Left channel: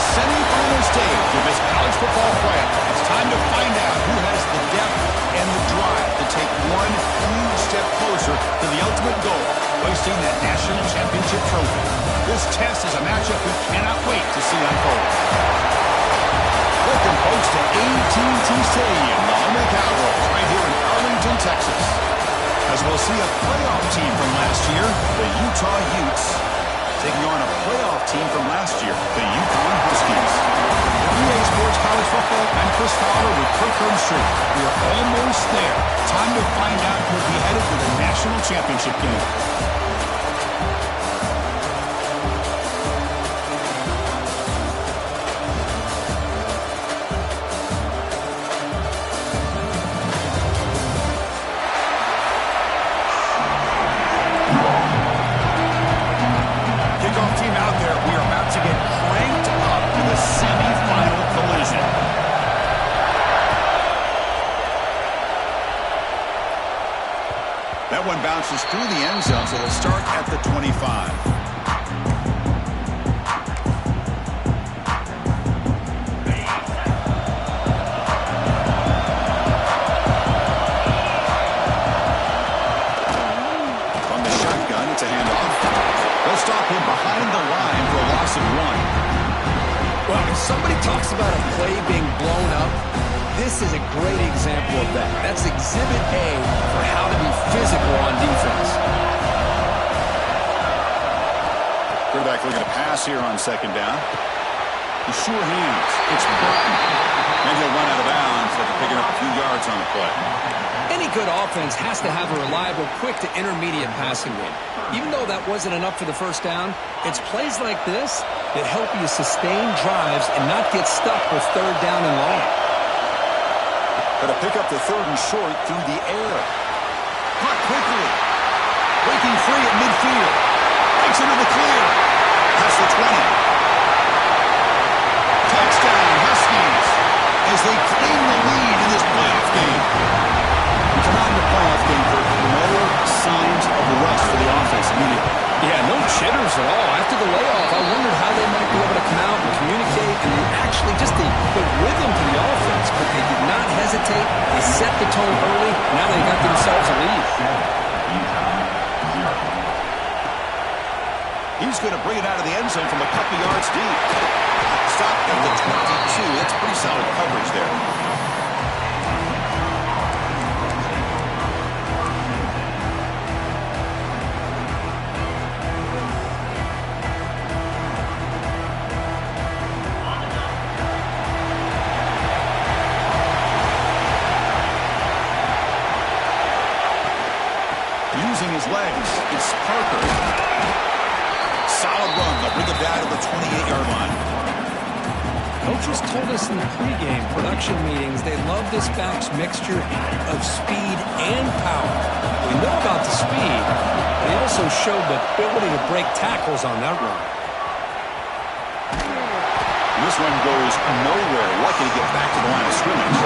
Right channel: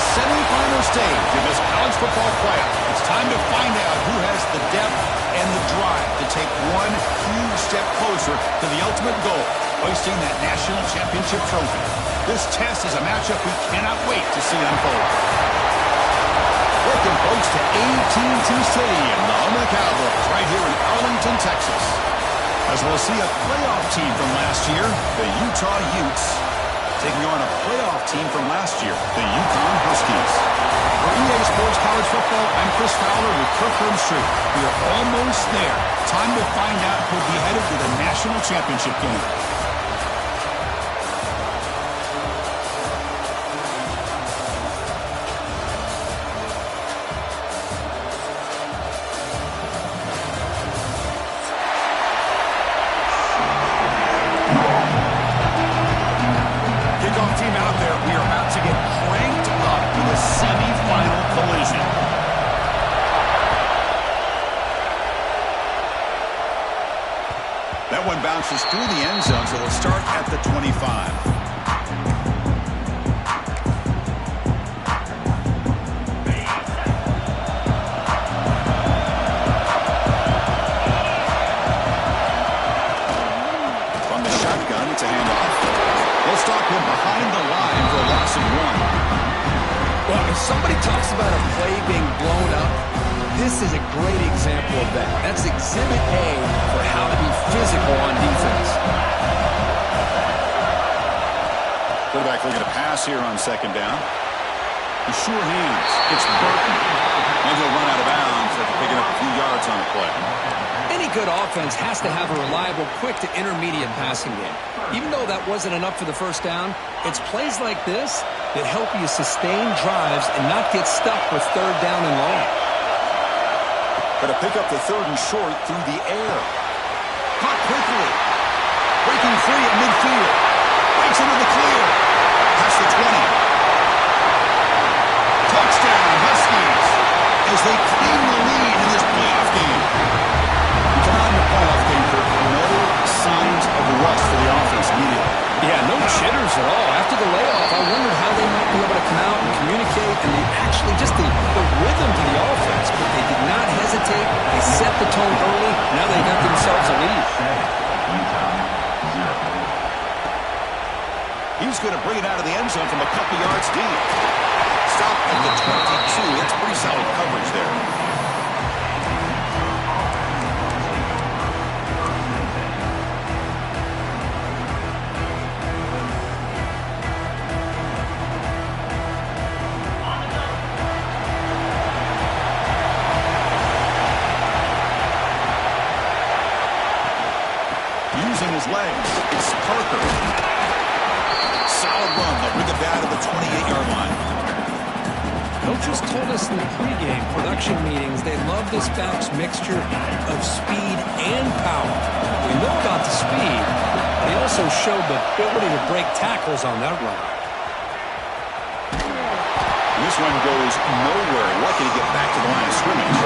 the semifinal stage of this college football playoff. It's time to find out who has the depth and the drive to take one huge step closer to the ultimate goal, hoisting that national championship trophy. This test is a matchup we cannot wait to see unfold. Welcome, folks, to AT&T Stadium, the home of the Cowboys, right here in Arlington, Texas. As we'll see a playoff team from last year, the Utah Utes, taking on a playoff team from last year, the UConn Huskies. For EA Sports College Football, I'm Chris Fowler with Kirk Herbstreit. We are almost there. Time to find out who'll be headed to the national championship game. That one bounces through the end zone, so they'll start at the 25. From the shotgun, it's a handoff. They'll stop him behind the line for a loss of 1. Well, if somebody talks about a play being blown up, this is a great example of that. That's Exhibit A for how to be physical on defense. Quarterback looking to pass here on second down. The sure hands. It's Burton. And he'll run out of bounds after picking up a few yards on the play. Any good offense has to have a reliable, quick to intermediate passing game. Even though that wasn't enough for the first down, it's plays like this that help you sustain drives and not get stuck with third down and long. Going to pick up the third and short through the air. Caught quickly. Breaking free at midfield. Breaks into the clear. Past the 20. Touchdown, Huskies, as they claim the lead in this playoff game. We come out in the playoff game for no signs of rust for the offense immediately. Yeah, no jitters at all. After the layoff, I wondered how they might be able to come out and communicate and actually just the rhythm to the offense. But they did not hesitate. They set the tone early. Now they got themselves a lead. He's going to bring it out of the end zone from a couple yards deep. Stop at the 22. That's pretty solid coverage there. Using his legs, it's Parker. Solid run. They'll bring it down to the 28-yard line. Coaches told us in the pregame production meetings they love this back's mixture of speed and power. We know about the speed, but he also showed the ability to break tackles on that run. And this one goes nowhere. Lucky to get back to the line of scrimmage.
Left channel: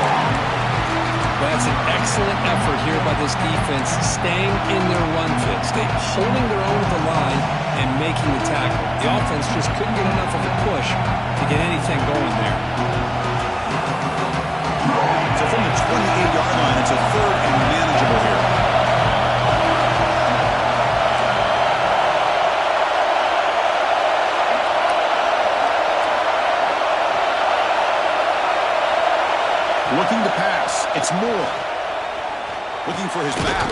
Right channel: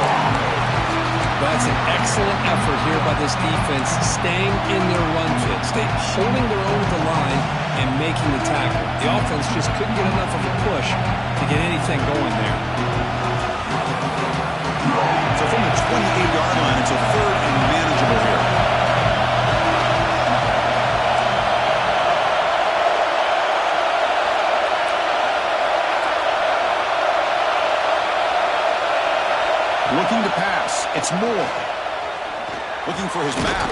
But that's an excellent effort here by this defense, staying in their run fit, holding their own at the line and making the tackle. The offense just couldn't get enough of a push to get anything going there. So from the 28-yard line, it's a third and manageable here. Looking to pass. It's Moore. Looking for his back.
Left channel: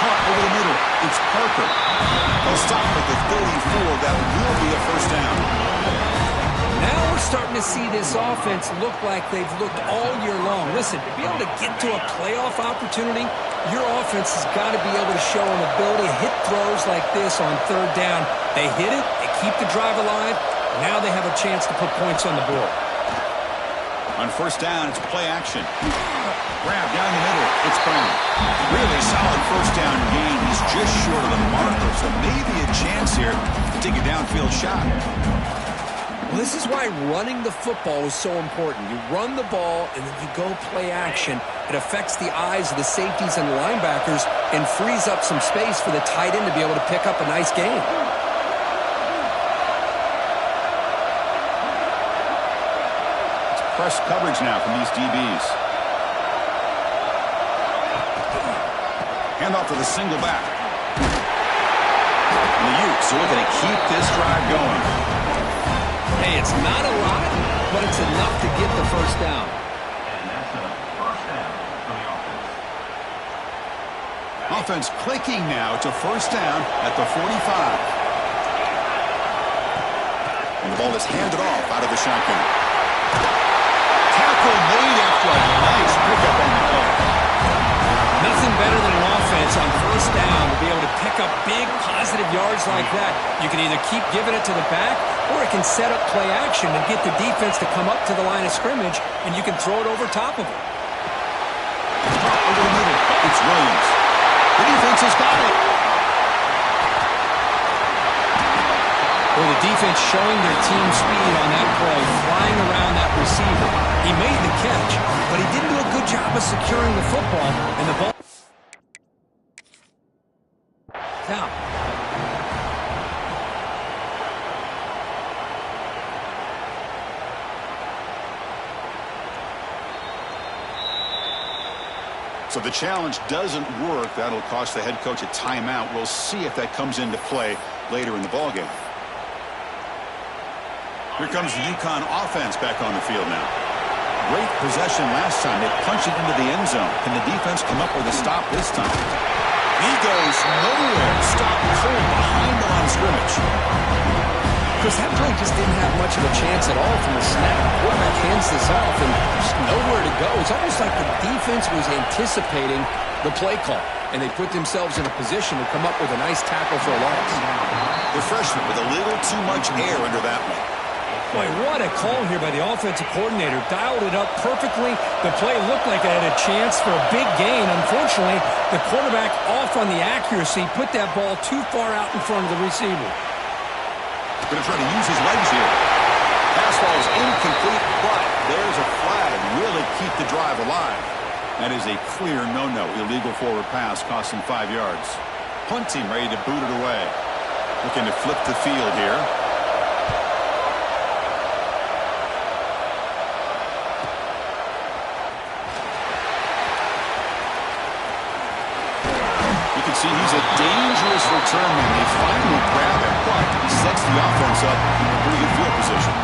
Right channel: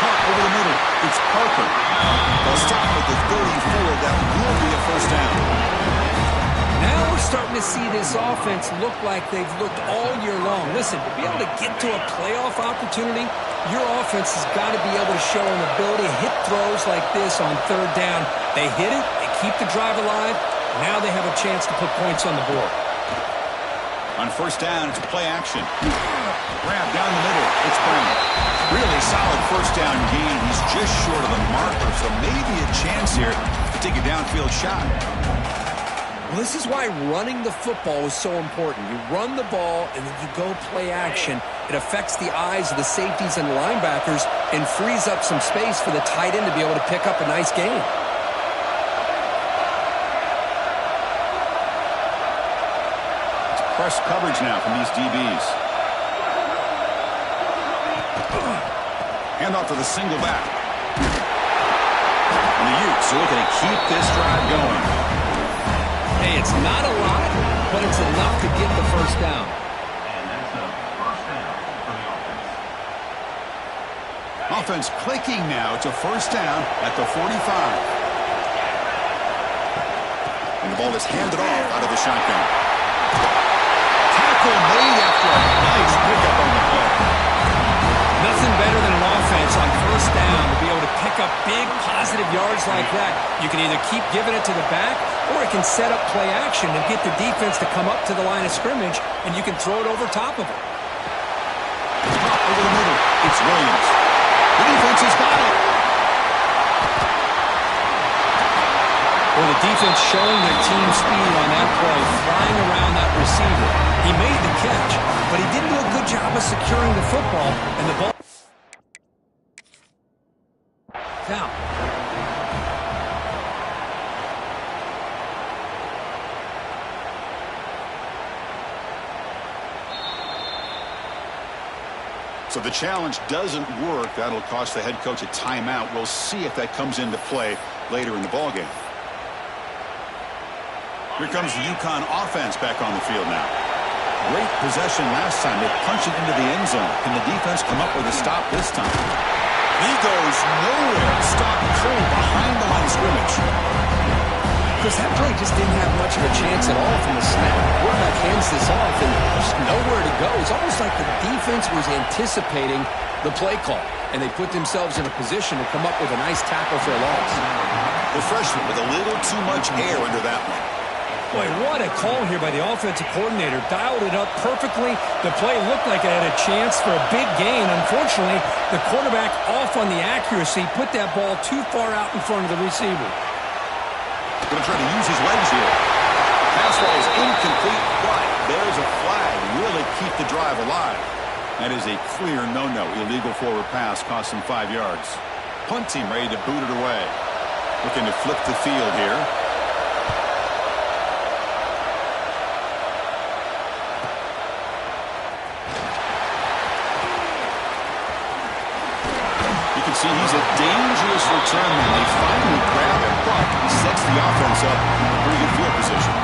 Caught over the middle. It's Parker. They'll stop at the 34. That will be a first down. Now we're starting to see this offense look like they've looked all year long. Listen, to be able to get to a playoff opportunity, your offense has got to be able to show an ability to hit throws like this on third down. They hit it. They keep the drive alive. Now they have a chance to put points on the board. On first down, it's play action. Grab down the middle. It's Brown. Really solid first down gain. He's just short of the marker, so maybe a chance here to take a downfield shot. Well, this is why running the football is so important. You run the ball, and then you go play action. It affects the eyes of the safeties and the linebackers and frees up some space for the tight end to be able to pick up a nice gain. Press coverage now from these DBs. Hand off to the single back. And the Utes are looking to keep this drive going. Hey, it's not a lot, but it's enough to get the first down. And that's a first down for the offense. Offense clicking now to first down at the 45. And the ball is handed off out of the shotgun. Tackle made after a nice pickup on the play. Nothing better than an offense on first down to be able to pick up big positive yards like that. You can either keep giving it to the back, or it can set up play action and get the defense to come up to the line of scrimmage, and you can throw it over top of it. Over the middle, it's Williams. The defense has got it. Well, the defense showing their team speed on that play, flying around that receiver. He made the catch, but he didn't do a good job of securing the football, and the ball out. So the challenge doesn't work. That'll cost the head coach a timeout. We'll see if that comes into play later in the ballgame. Here comes the UConn offense back on the field now. Great possession last time. They punched it into the end zone. Can the defense come up with a stop this time? He goes nowhere. Stop cold behind the line of scrimmage. Because that play just didn't have much of a chance at all from the snap. Quarterback hands this off and there's nowhere to go. It's almost like the defense was anticipating the play call, and they put themselves in a position to come up with a nice tackle for a loss. The freshman with a little too much air under that one. Boy, what a call here by the offensive coordinator. Dialed it up perfectly. The play looked like it had a chance for a big gain. Unfortunately, the quarterback off on the accuracy, put that ball too far out in front of the receiver. Going to try to use his legs here. Pass ball is incomplete, but there's a flag. Will it keep the drive alive? That is a clear no-no. Illegal forward pass cost him 5 yards. Punt team ready to boot it away. Looking to flip the field here. See, he's a dangerous return man. They finally grab him, but he sets the offense up in a pretty good field position.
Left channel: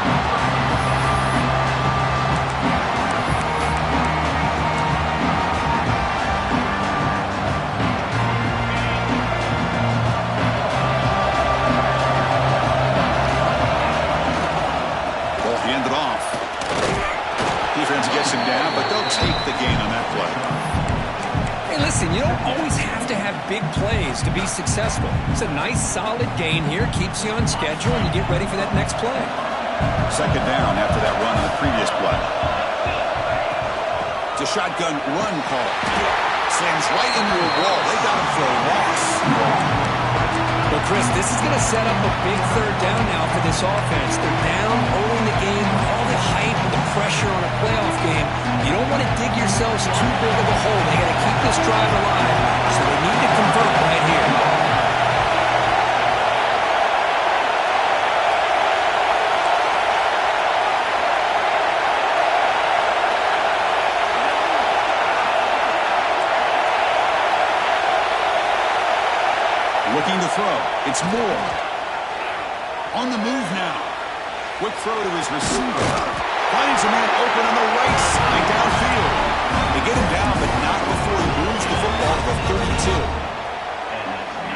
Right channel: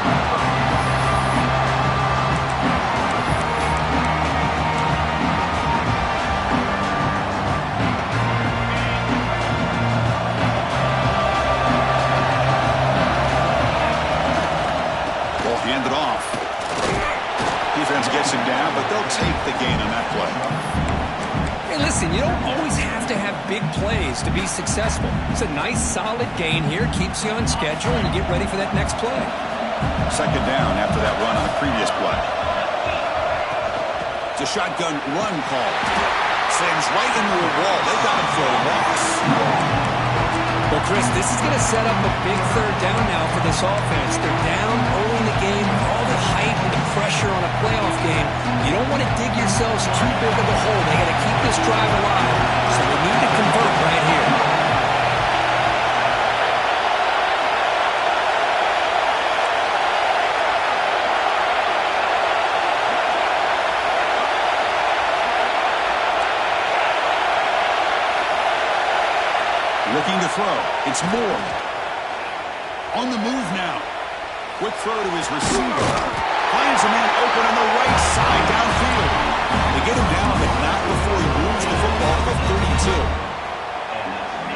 Ball handed off. Defense gets him down, but they'll take the gain on that play. Hey, listen, you don't always have to have big plays to be successful. It's a nice, solid gain here. Keeps you on schedule, and you get ready for that next play. Second down after that run on the previous play. It's a shotgun run call. Slams right into a wall. They got him for a loss. Well, Chris, this is going to set up a big third down now for this offense. They're down early in the game. All the hype and the pressure on a playoff game. You don't want to dig yourselves too big of a hole. They got to keep this drive alive, so they need to convert right here. Looking to throw. It's Moore. On the move now. Quick throw to his receiver. Finds a man open on the right side downfield. They get him down, but not before he moves the football to the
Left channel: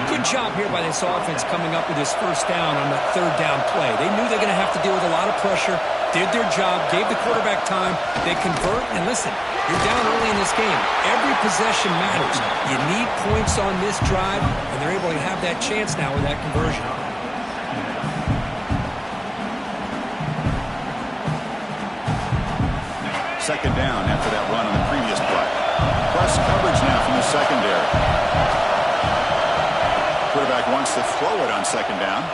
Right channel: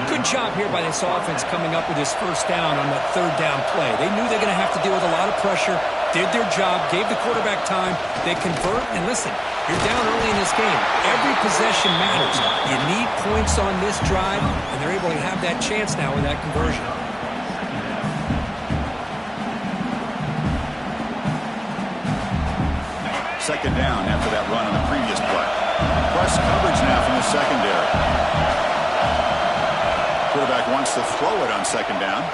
32. Good job here by this offense coming up with his first down on that third down play. They knew they're going to have to deal with a lot of pressure, did their job, gave the quarterback time. They convert, and listen, you're down early in this game. Every possession matters. You need points on this drive, and they're able to have that chance now with that conversion. Second down after that run on the previous play. Press coverage now from the secondary. Quarterback wants to throw it on second down.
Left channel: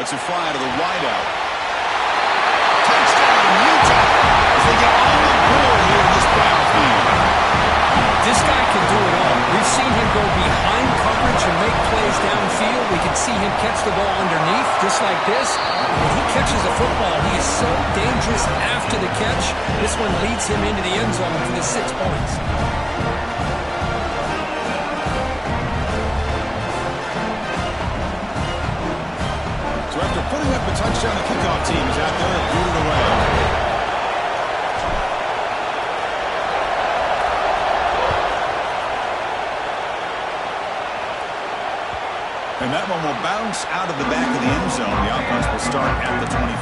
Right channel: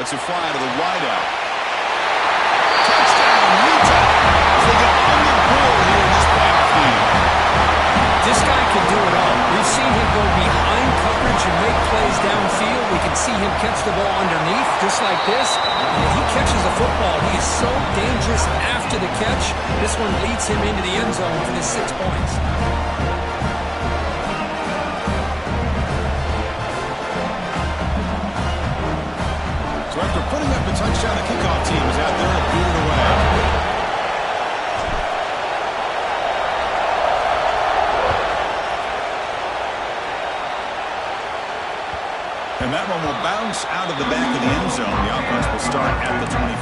Lets it fly to the wideout. Touchdown, Utah, as they get on the board here in this playoff game. This guy can do it all. We've seen him go behind coverage and make plays downfield. We can see him catch the ball underneath, just like this. And if he catches a football, he is so dangerous after the catch. This one leads him into the end zone for the 6 points. So after putting up a touchdown, the kickoff team is out there to boot it away. And that one will bounce out of the back of the end zone. The offense will start at the 25.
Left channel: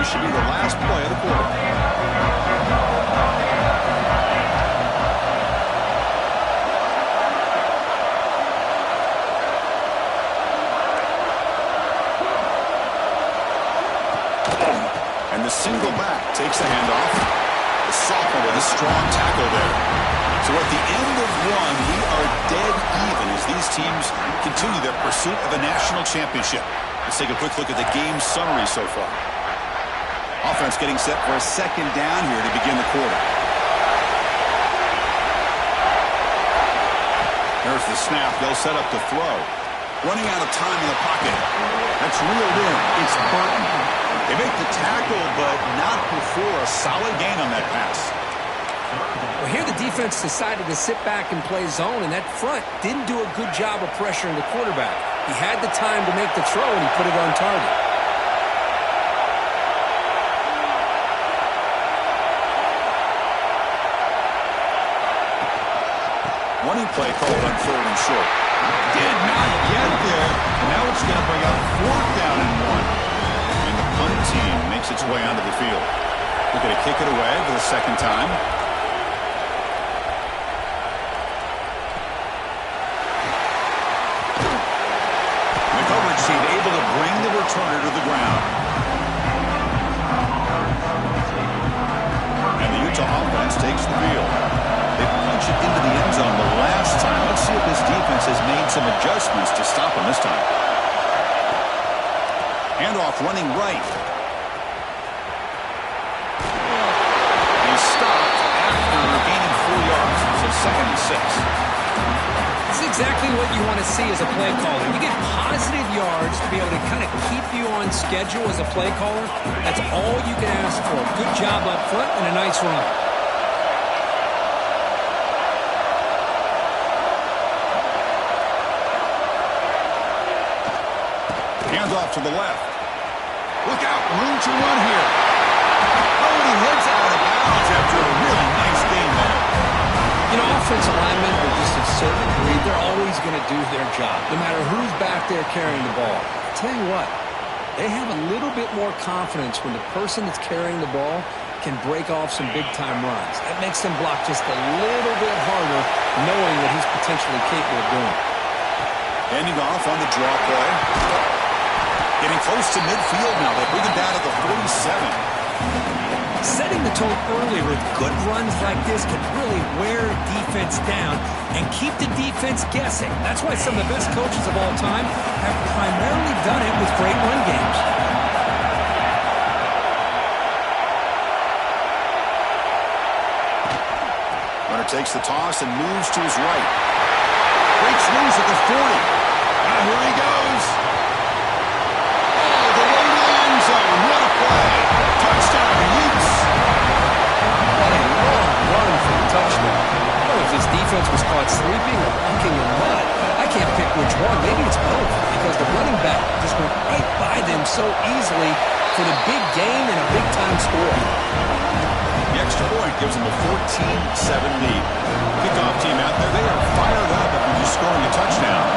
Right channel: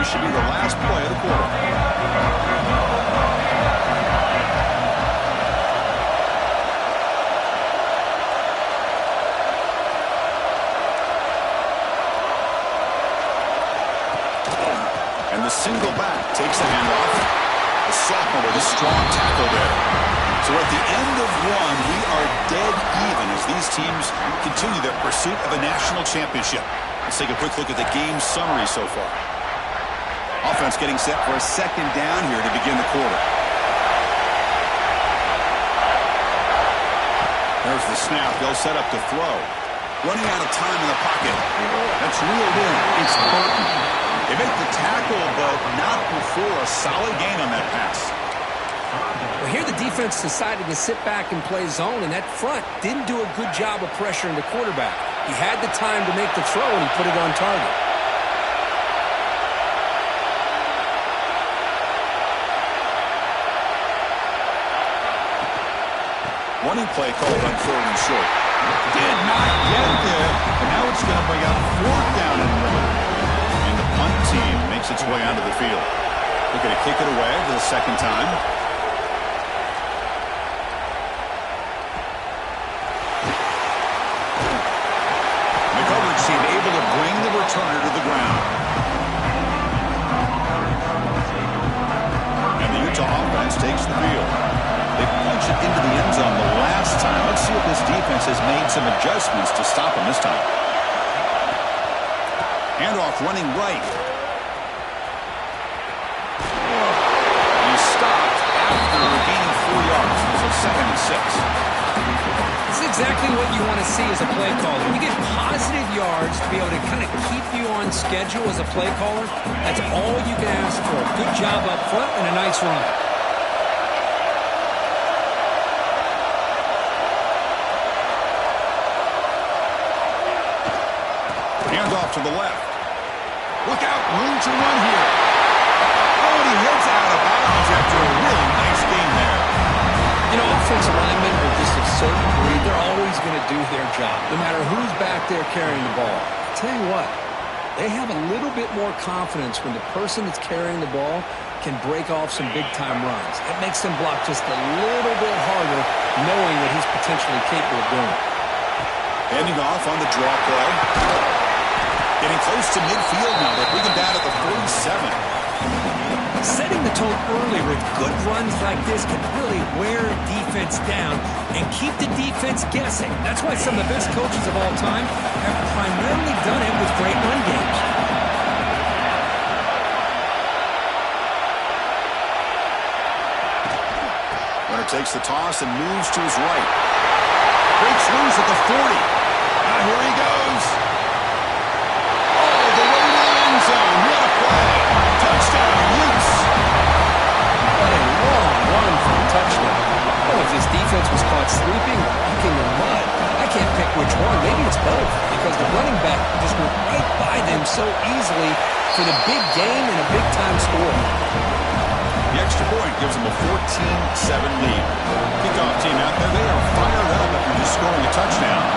This should be the last play of the quarter. And the single back takes the handoff. The sophomore with a strong tackle there. So at the end of one, we are dead even as these teams continue their pursuit of a national championship. Let's take a quick look at the game summary so far. Offense getting set for a second down here to begin the quarter. There's the snap. They'll set up to throw. Running out of time in the pocket. That's reeled in. It's Burton. They make the tackle, but not before a solid gain on that pass. Well, here the defense decided to sit back and play zone, and that front didn't do a good job of pressuring the quarterback. He had the time to make the throw, and he put it on target. Running play called on 3rd and short. Did not get there, and now it's going to bring up 4th down and 1. And the punt team makes its way onto the field. They're going to kick it away for the second time. Team able to bring the returner to the ground. And the Utah offense takes the field. They punch it into the end zone the last time. Let's see if this defense has made some adjustments to stop them this time. Handoff running right. He's stopped after gaining 4 yards. So 2nd and 6. This is exactly what you want to see as a play caller. You get positive yards to be able to kind of keep you on schedule as a play caller. That's all you can ask for. Good job up front and a nice run. Hands off to the left. Look out, room to run here. Oh, and he heads out of bounds after a really nice game there. You know, offensive linemen are just a certain breed. They're always going to do their job, no matter who's back there carrying the ball. I'll tell you what, they have a little bit more confidence when the person that's carrying the ball can break off some big-time runs. That makes them block just a little bit harder, knowing what he's potentially capable of doing. Handing off on the draw play. Getting close to midfield now. They bring him down at the 47. Setting the tone early with good runs like this can really wear defense down and keep the defense guessing. That's why some of the best coaches of all time have primarily done it with great run games. Runner takes the toss and moves to his right. Breaks loose at the 40. Now here he goes. Oh, the way to the end zone. What a play. Touchdown, Utes. What a long run for a touchdown. Oh, if this defense was caught sleeping or walking in mud, I can't pick which one. Maybe it's both, because the running back just went right by them so easily for the big gain and a big-time score. The extra point gives them a 14-7 lead. Kickoff team out there, they are fired up after just scoring a touchdown.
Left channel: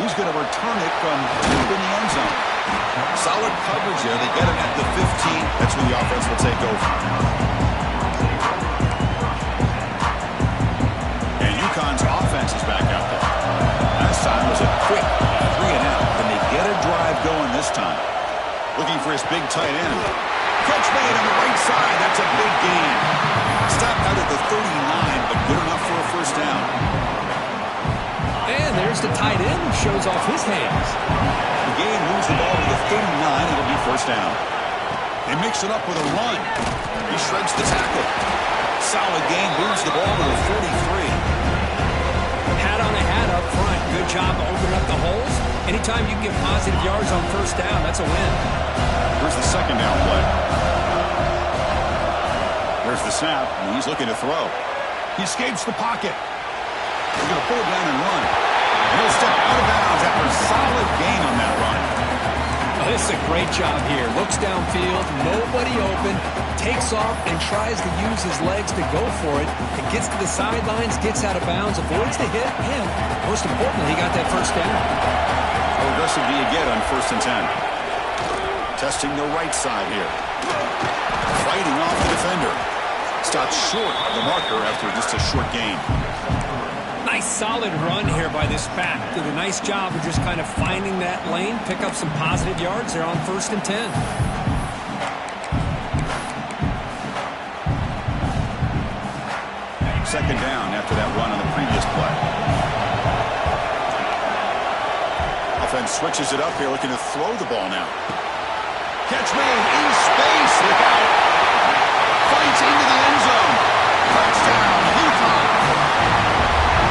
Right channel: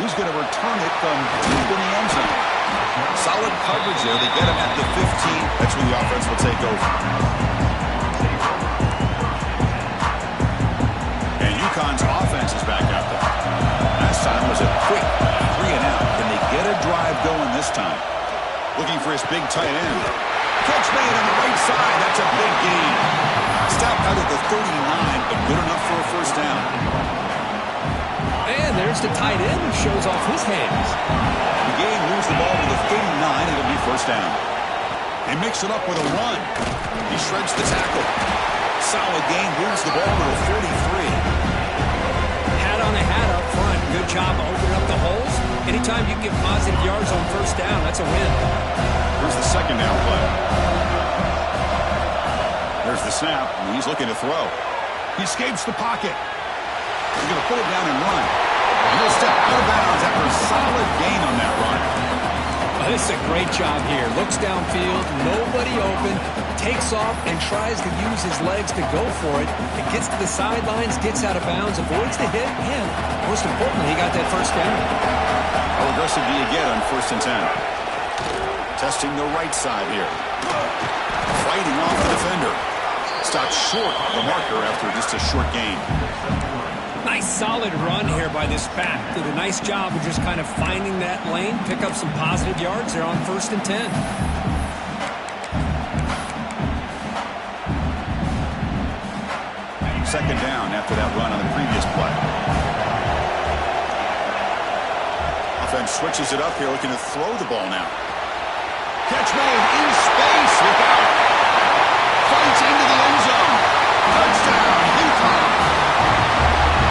He's going to return it from deep in the end zone. Solid coverage there. They get him at the 15. That's where the offense will take over. And UConn's offense is back out there. Last time was a quick 3-and-out. Can they get a drive going this time? Looking for his big tight end. Catch made on the right side. That's a big gain. Stopped out at the 39, but good enough for a first down. And there's the tight end who shows off his hands. The gain moves the ball to the 39. It'll be first down. They mix it up with a run. He shreds the tackle. Solid gain, moves the ball to the 43. Hat on a hat up front. Good job of opening up the holes. Anytime you can get positive yards on first down, that's a win. Here's the second down play. There's the snap, and he's looking to throw. He escapes the pocket. He's going to pull it down and run. And he'll step out of bounds after a solid gain on that run. Oh, this is a great job here. Looks downfield, nobody open, takes off and tries to use his legs to go for it. It gets to the sidelines, gets out of bounds, avoids the hit, and most importantly, he got that first down. How aggressive do you get on 1st and 10? Testing the right side here. Fighting off the defender. Stopped short of the marker after just a short gain. Nice solid run here by this back. Did a nice job of just kind of finding that lane, pick up some positive yards there on 1st and 10. Second down after that run on the previous play. Offense switches it up here, looking to throw the ball now. Catch made in space. Look out. Fights into the end zone. Touchdown, UConn.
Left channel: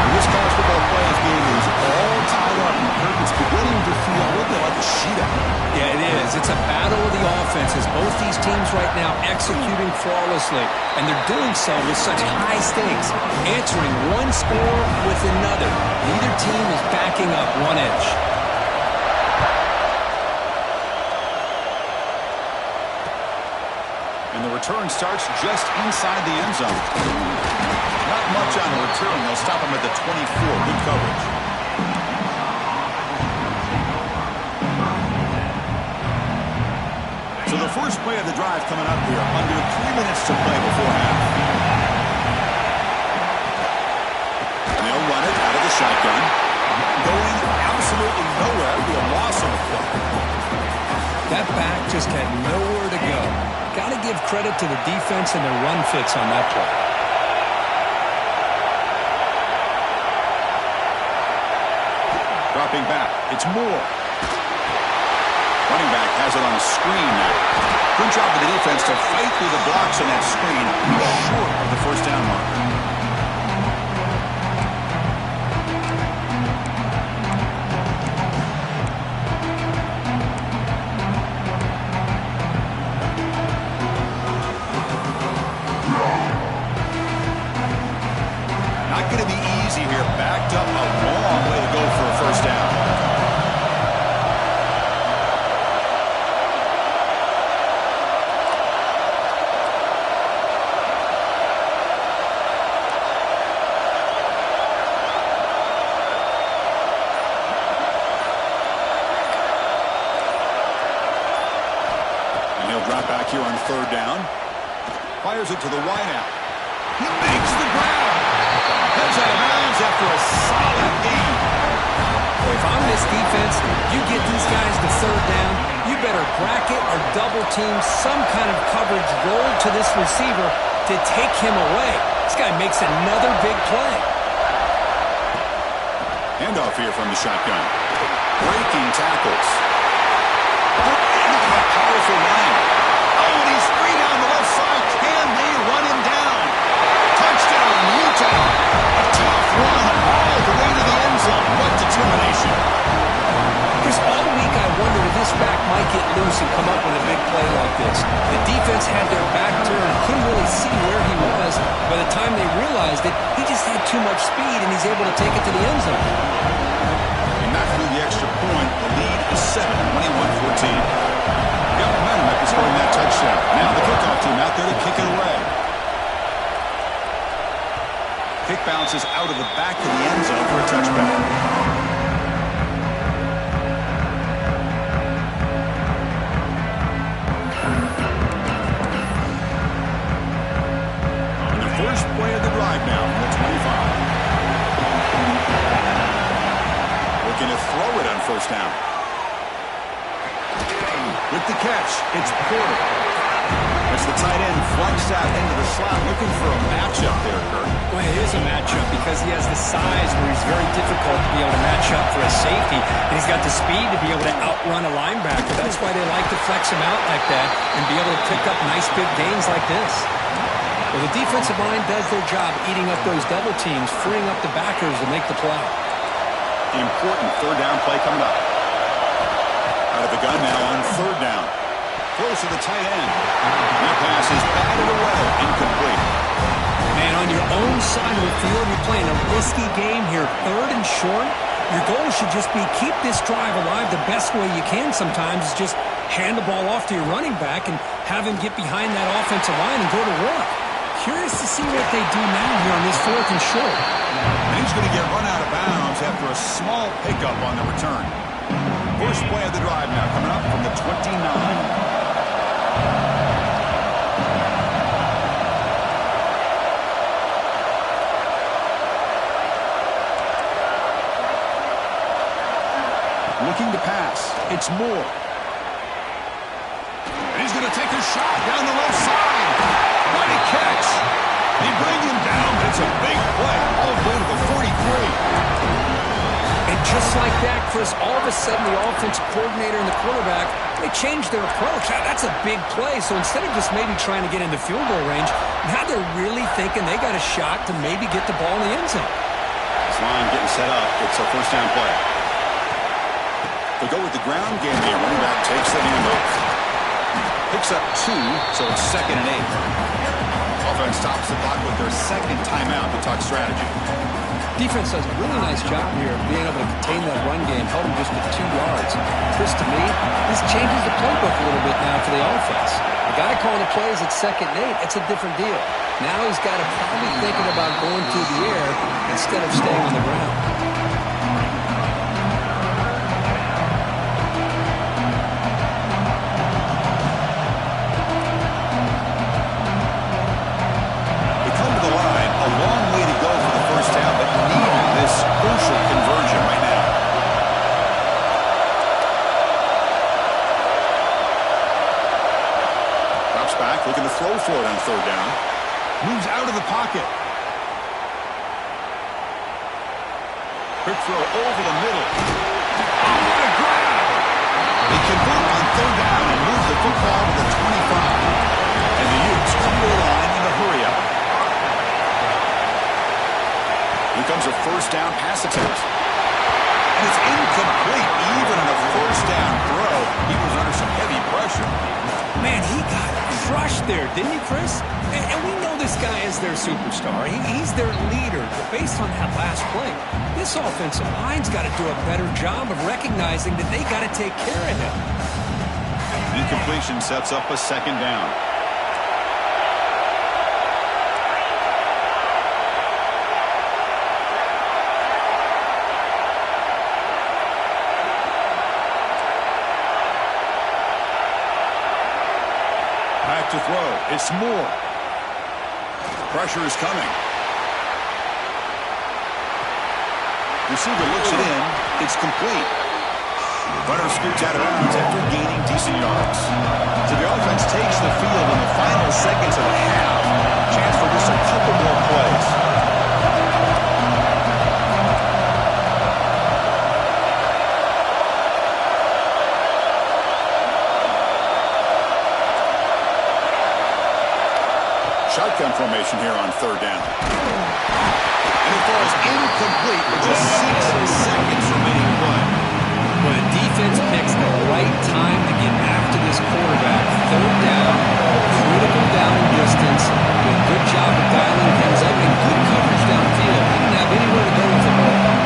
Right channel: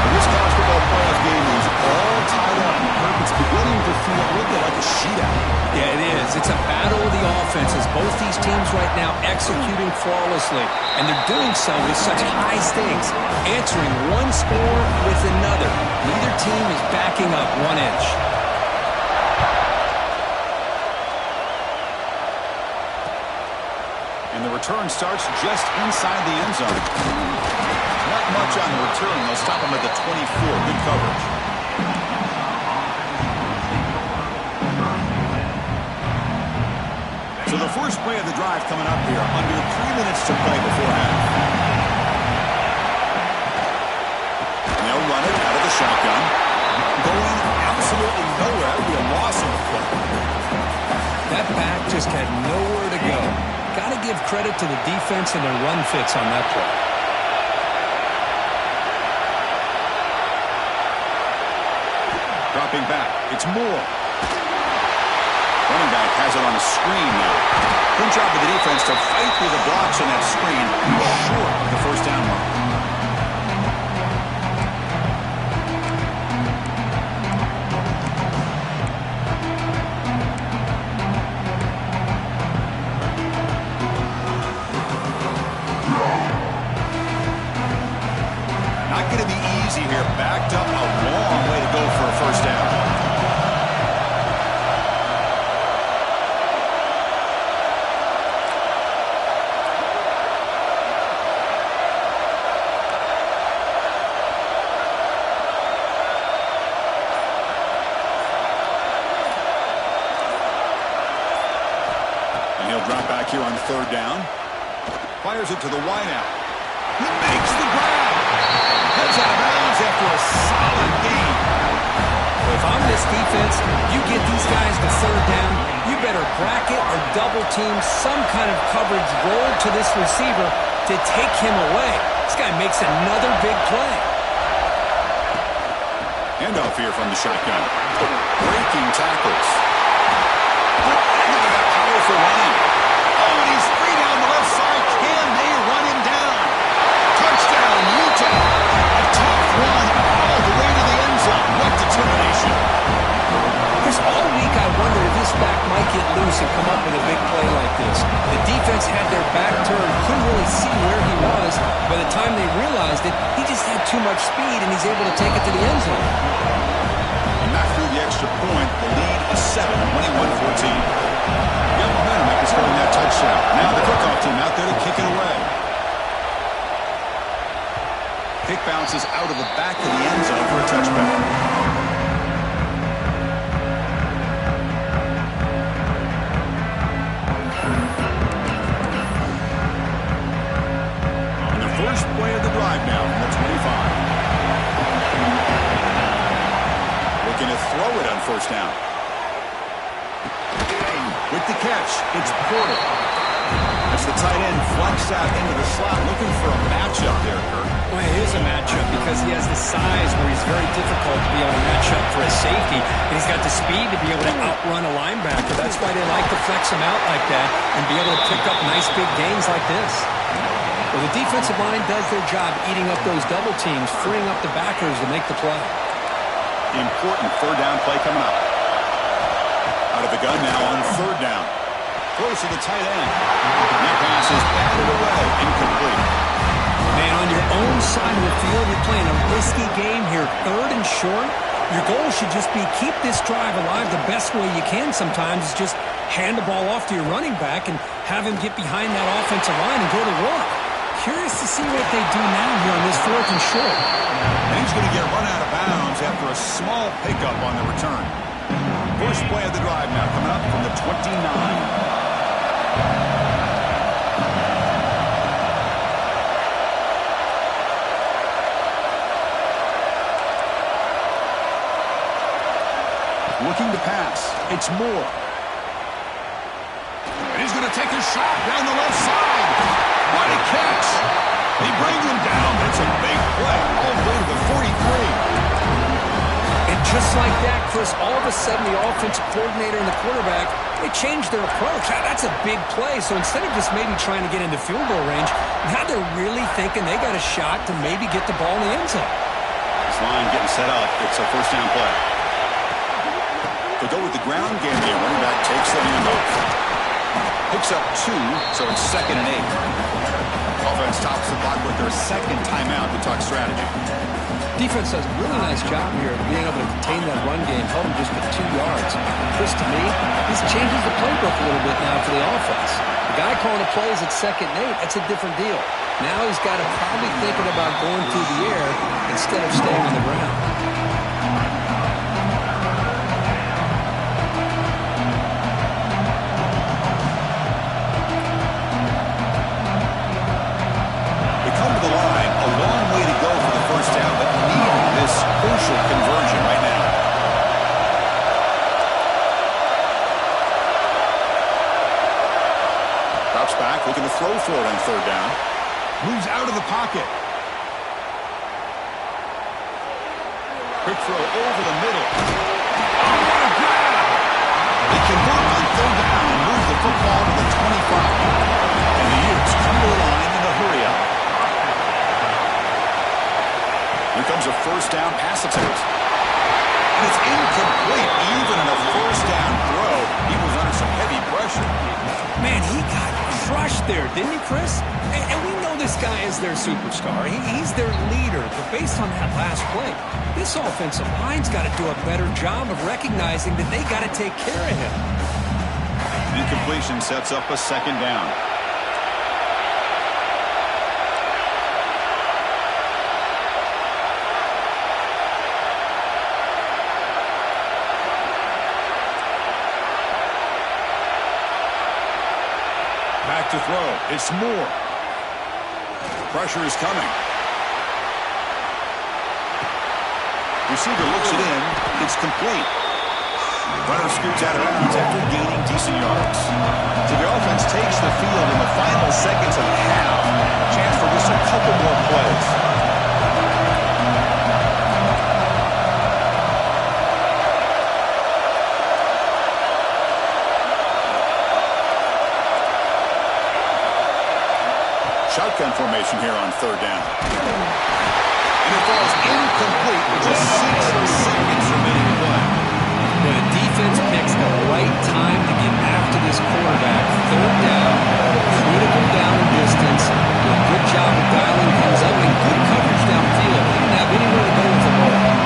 This college football playoff game is all tied up. It's beginning to feel a little bit like a shootout. Yeah, it is. It's a battle of the offenses. Both these teams right now executing flawlessly, and they're doing so with such high stakes, answering one score with another. Neither team is backing up 1 inch. And the return starts just inside the end zone. Not much on the return. They'll stop him at the 24. Good coverage. So the first play of the drive coming up here. Under 3 minutes to play before half. And they'll run it out of the shotgun. Going absolutely nowhere. It'll be a loss on the play. That back just had nowhere to go. Got to give credit to the defense and their run fits on that play. Dropping back. It's Moore. Running back has it on a screen now. Good job of the defense to fight through the blocks on that screen. Short of the first down mark. Not going to be easy here. Backed up a long way to go for a first down. And he'll drop back here on 3rd down. Fires it to the wideout. He makes the grab. Heads out of bounds after a solid gain. Well, if I'm this defense, you get these guys to 3rd down, you better bracket or double team some kind of coverage roll to this receiver to take him away. This guy makes another big play. Handoff here from the shotgun. Breaking tackles. Look at that powerful line. Oh, and he's free down the left side. Can they run him down? Touchdown, Utah. A tough run all the way to the end zone. What determination. Chris, all week I wondered if this back might get loose and come up with a big play like this. The defense had their back turned, couldn't really see where he was. By the time they realized it, he just had too much speed, and he's able to take it to the end zone. He knocked through the extra point. The lead is 7, 21-14. Got momentum after scoring that touchdown. Now the kickoff team out there to kick it away. Kick bounces out of the back of the end zone for a touchback. First play of the drive now from the 25. Looking to throw it on 1st down. With the catch, it's Porter. Watch the tight end flex out into the slot, looking for a matchup there, Kurt. Well, it is a matchup because he has the size where he's very difficult to be able to match up for a safety, and he's got the speed to be able to outrun a linebacker. That's why they like to flex him out like that and be able to pick up nice big gains like this. Well, the defensive line does their job eating up those double teams, freeing up the backers to make the play. Important third down play coming up. Out of the gun now on third down. Close to the tight end. That pass is batted away. Incomplete. Man, on your own side of the field, you're playing a risky game here. Third and short. Your goal should just be keep this drive alive the best way you can sometimes is just hand the ball off to your running back and have him get behind that offensive line and go to work. Curious to see what they do now here on this fourth and short. And he's going to get run out of bounds after a small pickup on the return. First play of the drive now coming up from the 29. Looking to pass. It's Moore. And he's going to take a shot down the left side. What a catch. They bring him down. That's a big play. All the way to the 43. And just like that, Chris, all of a sudden the offensive coordinator and the quarterback, they changed their approach. That's a big play. So instead of just maybe trying to get into field goal range, now they're really thinking they got a shot to maybe get the ball in the end zone. This line getting set up. It's a first down play. They'll go with the ground game here. Running back takes the handoff. Picks up 2, so it's 2nd and 8. Offense stops the clock with their second timeout to talk strategy. Defense does a really nice job here of being able to contain that run game, held them just at 2 yards. Chris, to me, this changes the playbook a little bit now for the offense. The guy calling the plays at 2nd and 8, it's a different deal. Now he's got to probably thinking about going through the air instead of staying on the ground. Down, but needing this crucial conversion right now. Drops back, looking to throw for it on third down. Moves out of the pocket. Quick throw over the middle. Oh, what a grab! They convert on third down and move the football to the 25. And the Utes come to the line in the hurry-up. Here comes a first down pass attempt. And it's incomplete. Even in a first down throw, he was under some heavy pressure. Man, he got crushed there, didn't he, Chris? And we know this guy is their superstar. He's their leader. But based on that last play, this offensive line's got to do a better job of recognizing that they got to take care of him. Incompletion sets up a second down. Back to throw. It's Moore. Pressure is coming. Receiver looks it in. It's complete. Runner scoots out of bounds after gaining decent yards. So the offense takes the field in the final seconds of the half. Chance for just a couple more plays. Shotgun formation here on third down. And it falls incomplete with just 6 seconds remaining to play. When a defense picks the right time to get after this quarterback, third down, critical down and distance, do a good job of dialing things up and good coverage downfield. He didn't have anywhere to go with the ball.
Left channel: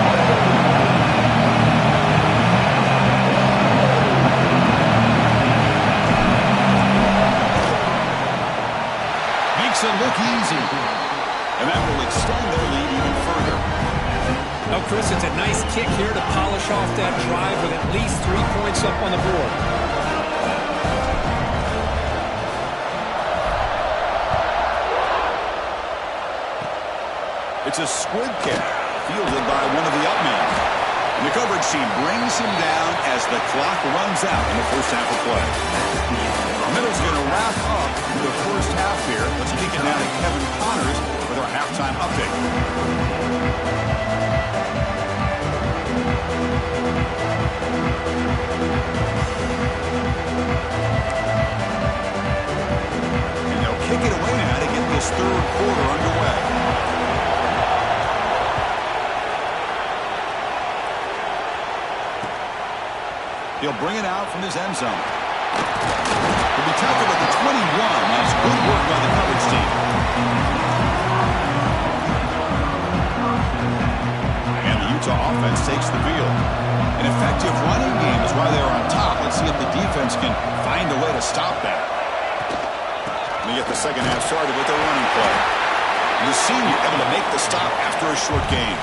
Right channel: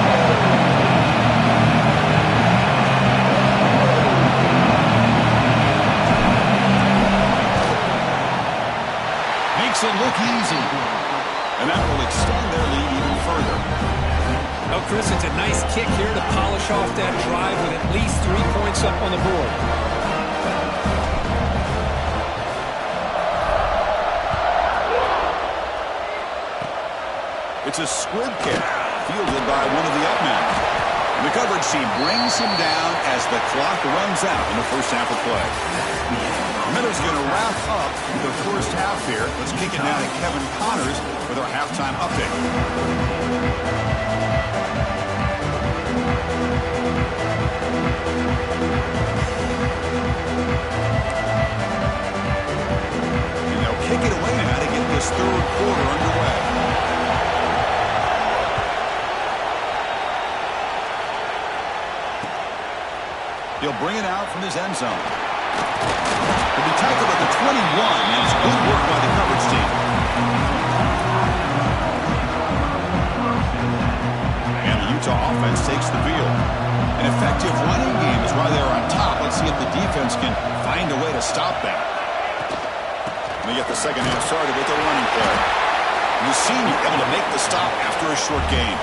Makes it look easy. And that will extend their lead even further. Oh, Chris, it's a nice kick here to polish off that drive with at least 3 points up on the board. It's a squib kick, fielded by one of the up men. And the coverage team brings him down as the clock runs out in the first half of play. Miller's going to wrap up the first half here. Let's kick it now to Kevin Connors with our halftime update. And they'll kick it away now to get this third quarter underway. He'll bring it out from his end zone. He'll be tackled at the 21. That's good work by the coverage team. And the Utah offense takes the field. An effective running game is why they're on top. Let's see if the defense can find a way to stop that. They get the second half started with a running play. The senior able to make the stop after a short gain.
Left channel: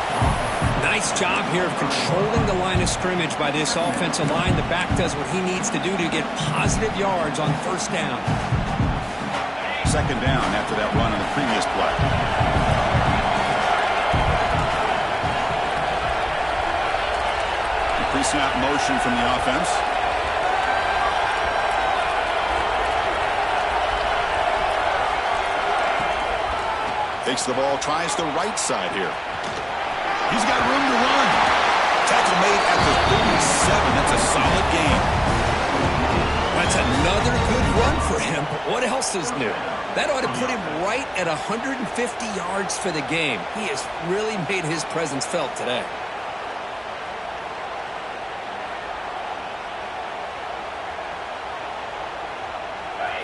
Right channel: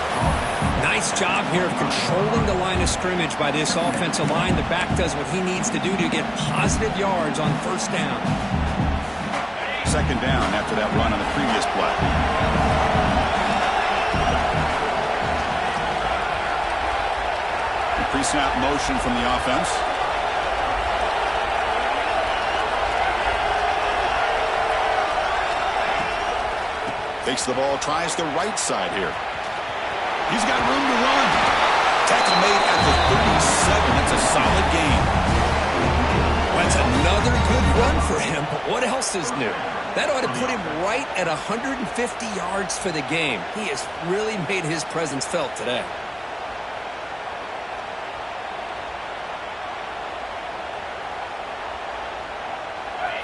Nice job here of controlling the line of scrimmage by this offensive line. The back does what he needs to do to get positive yards on first down. Second down after that run on the previous play. The pre-snap motion from the offense. Takes the ball, tries the right side here. He's got room to run. Tackle made at the 37. That's a solid gain. That's another good run for him, but what else is new? That ought to put him right at 150 yards for the game. He has really made his presence felt today.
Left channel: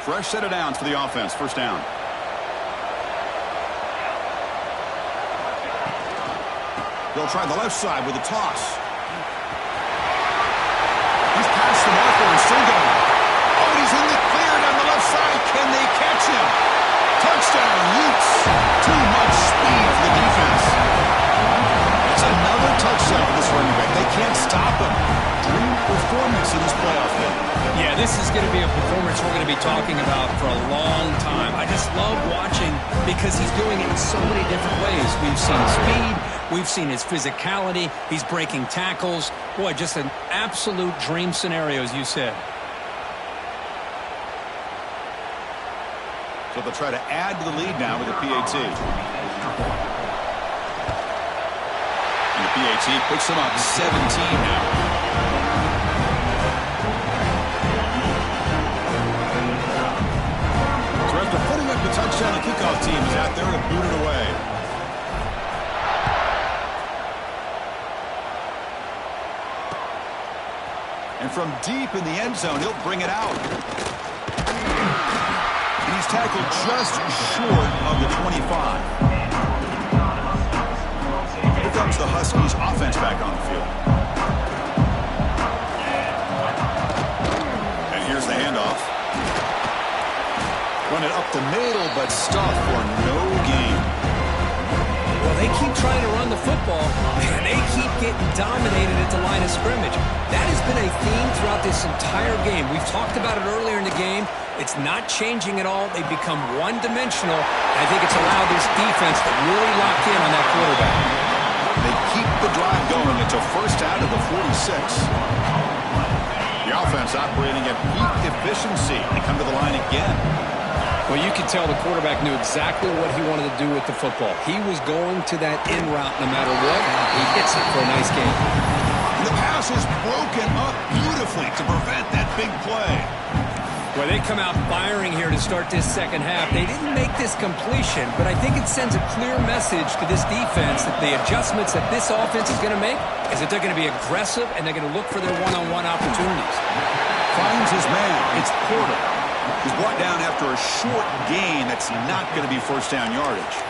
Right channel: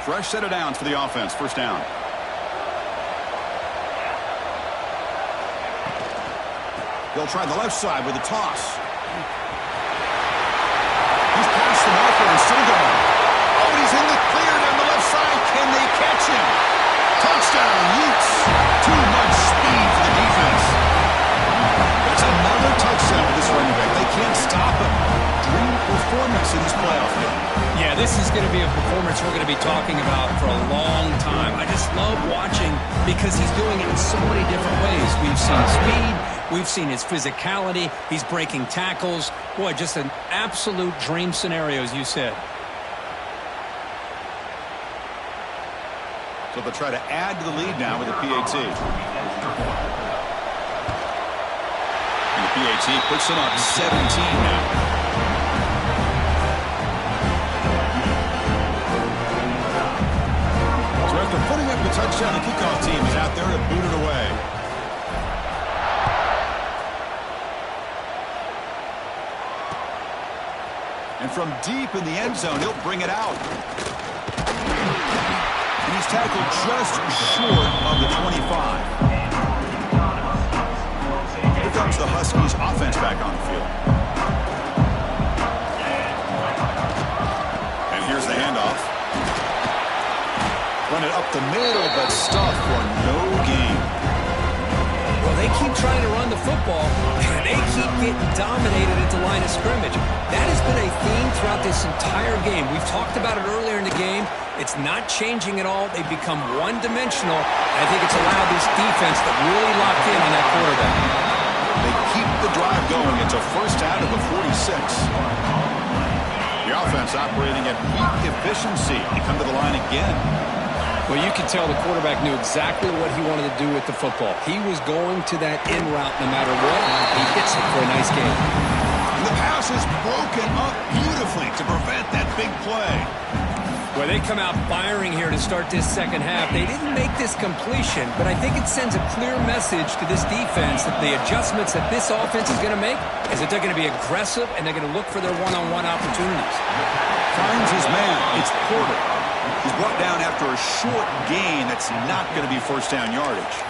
Fresh set of downs for the offense. First down. They'll try the left side with a toss. He's past the marker and still going. Oh, and he's in the clear down the left side. Can they catch him? Touchdown, Utes. Too much speed for the defense. That's another touchdown for this running back. They can't stop him. Dream performance in this playoff game. Yeah, this is going to be a performance we're going to be talking about for a long time. I just love watching because he's doing it in so many different ways. We've seen speed. We've seen his physicality. He's breaking tackles. Boy, just an absolute dream scenario, as you said. So they'll try to add to the lead now with the PAT. And the PAT puts them up 17 now. So after putting up the touchdown, the kickoff team is out there to boot it away. And from deep in the end zone, he'll bring it out. And he's tackled just short of the 25. Here comes the Huskies offense back on the field. And here's the handoff. Run it up the middle, but stuffed for no gain. Well, they keep trying to run the football, and they keep getting dominated at the line of scrimmage. That has been a theme throughout this entire game. We've talked about it earlier in the game. It's not changing at all. They've become one-dimensional. I think it's allowed this defense to really lock in on that quarterback. They keep the drive going. It's a first out of the 46. The offense operating at peak efficiency. They come to the line again. Well, you can tell the quarterback knew exactly what he wanted to do with the football. He was going to that in route no matter what. He hits it for a nice game. The pass is broken up beautifully to prevent that big play. Well, they come out firing here to start this second half. They didn't make this completion, but I think it sends a clear message to this defense that the adjustments that this offense is going to make is that they're going to be aggressive and they're going to look for their one-on-one opportunities. Finds his man. It's Porter. He's brought down after a short gain that's not going to be first down yardage.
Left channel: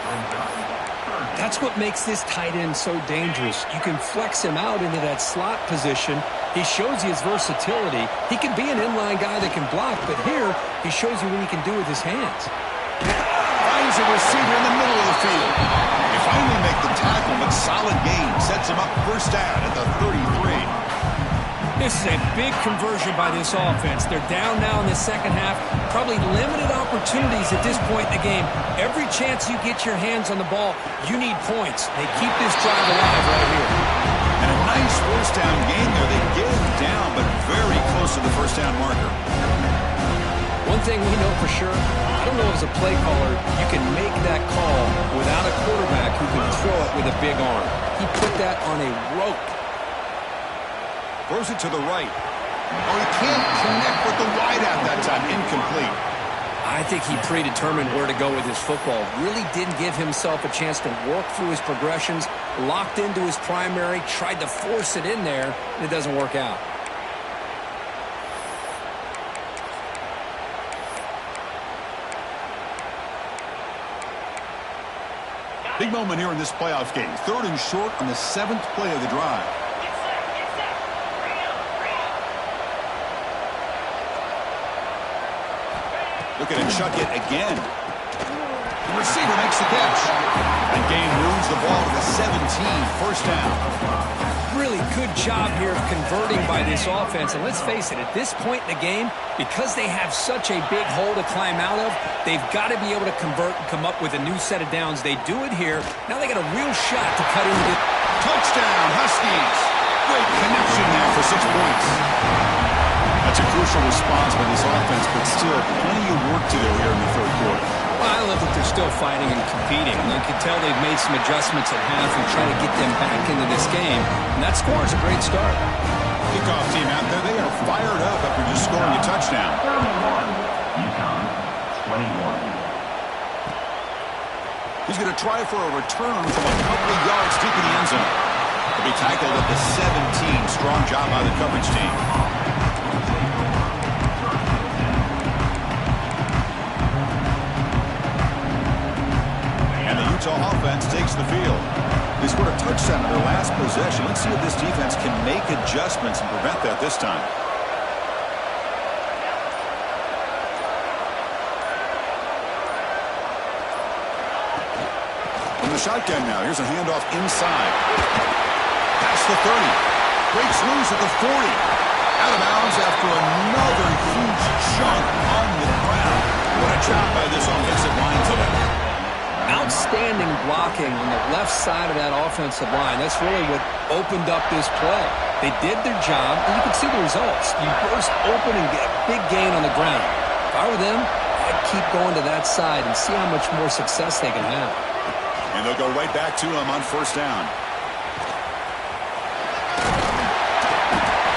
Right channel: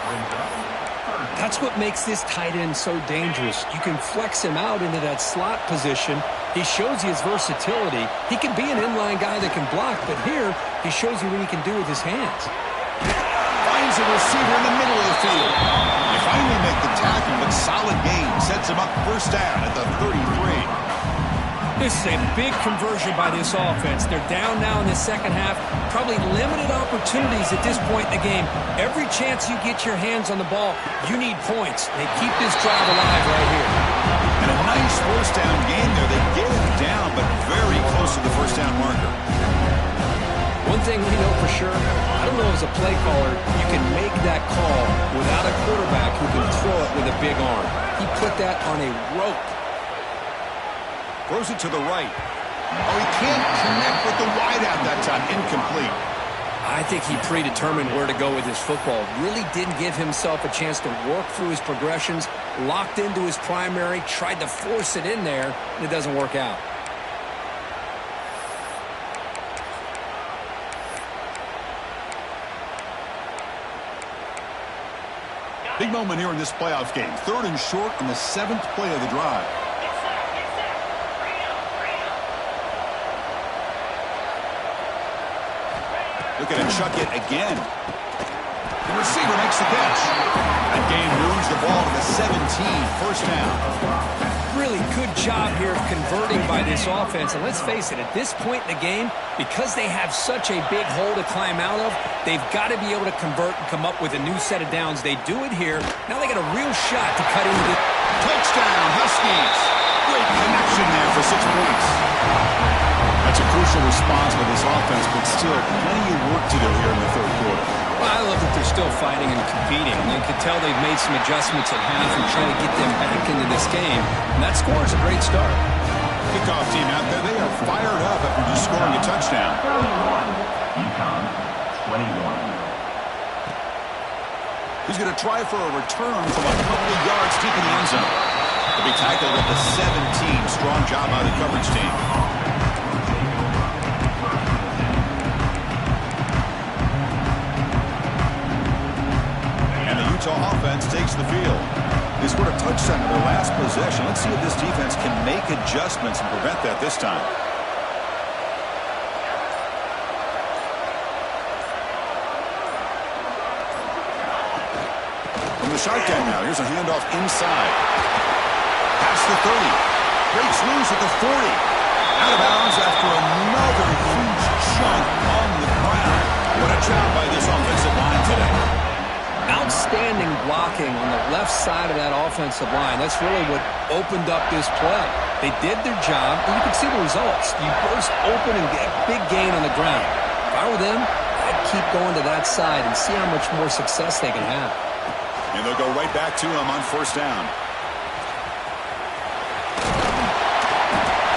That's what makes this tight end so dangerous. You can flex him out into that slot position. He shows you his versatility. He can be an inline guy that can block, but here he shows you what he can do with his hands. Finds a receiver in the middle of the field. They finally make the tackle, but solid gain sets him up first down at the 33. This is a big conversion by this offense. They're down now in the second half. Probably limited opportunities at this point in the game. Every chance you get your hands on the ball, you need points. They keep this drive alive right here. And a nice first down gain there. They get him down, but very close to the first down marker. One thing we know for sure, I don't know as a play caller, you can make that call without a quarterback who can throw it with a big arm. He put that on a rope. Throws it to the right. Oh, he can't connect with the wideout that time. Incomplete. I think he predetermined where to go with his football. Really didn't give himself a chance to work through his progressions, locked into his primary, tried to force it in there, and it doesn't work out. Big moment here in this playoff game. 3rd and short on the 7th play of the drive. Looking to chuck it again. The receiver makes the catch. That game moves the ball to the 17. First down. Really good job here of converting by this offense. And let's face it, at this point in the game, because they have such a big hole to climb out of, they've got to be able to convert and come up with a new set of downs. They do it here. Now they got a real shot to cut into the... Touchdown, Huskies. Great connection there for 6 points. That's a crucial response by this offense, but still plenty of work to do here in the 3rd quarter. Well, I love that they're still fighting and competing. You can tell they've made some adjustments at half and trying to get them back into this game. And that score is a great start. Kickoff team out there, they are fired up after just scoring a touchdown. 31, UConn 21. He's going to try for a return from a couple of yards deep in the end zone. He'll be tackled at the 17. Strong job by the coverage team. Utah offense takes the field. They scored a touchdown in their last possession. Let's see if this defense can make adjustments and prevent that this time. From the shotgun now, here's a handoff inside. Past the 30. Breaks loose at the 40. Out of bounds after another huge chunk on the ground. What a job by this offensive line today. Outstanding blocking on the left side of that offensive line. That's really what opened up this play. They did their job, and you can see the results. You burst open and get a big gain on the ground. If I were them, I'd keep going to that side and see how much more success they can have. And they'll go right back to him on 1st down.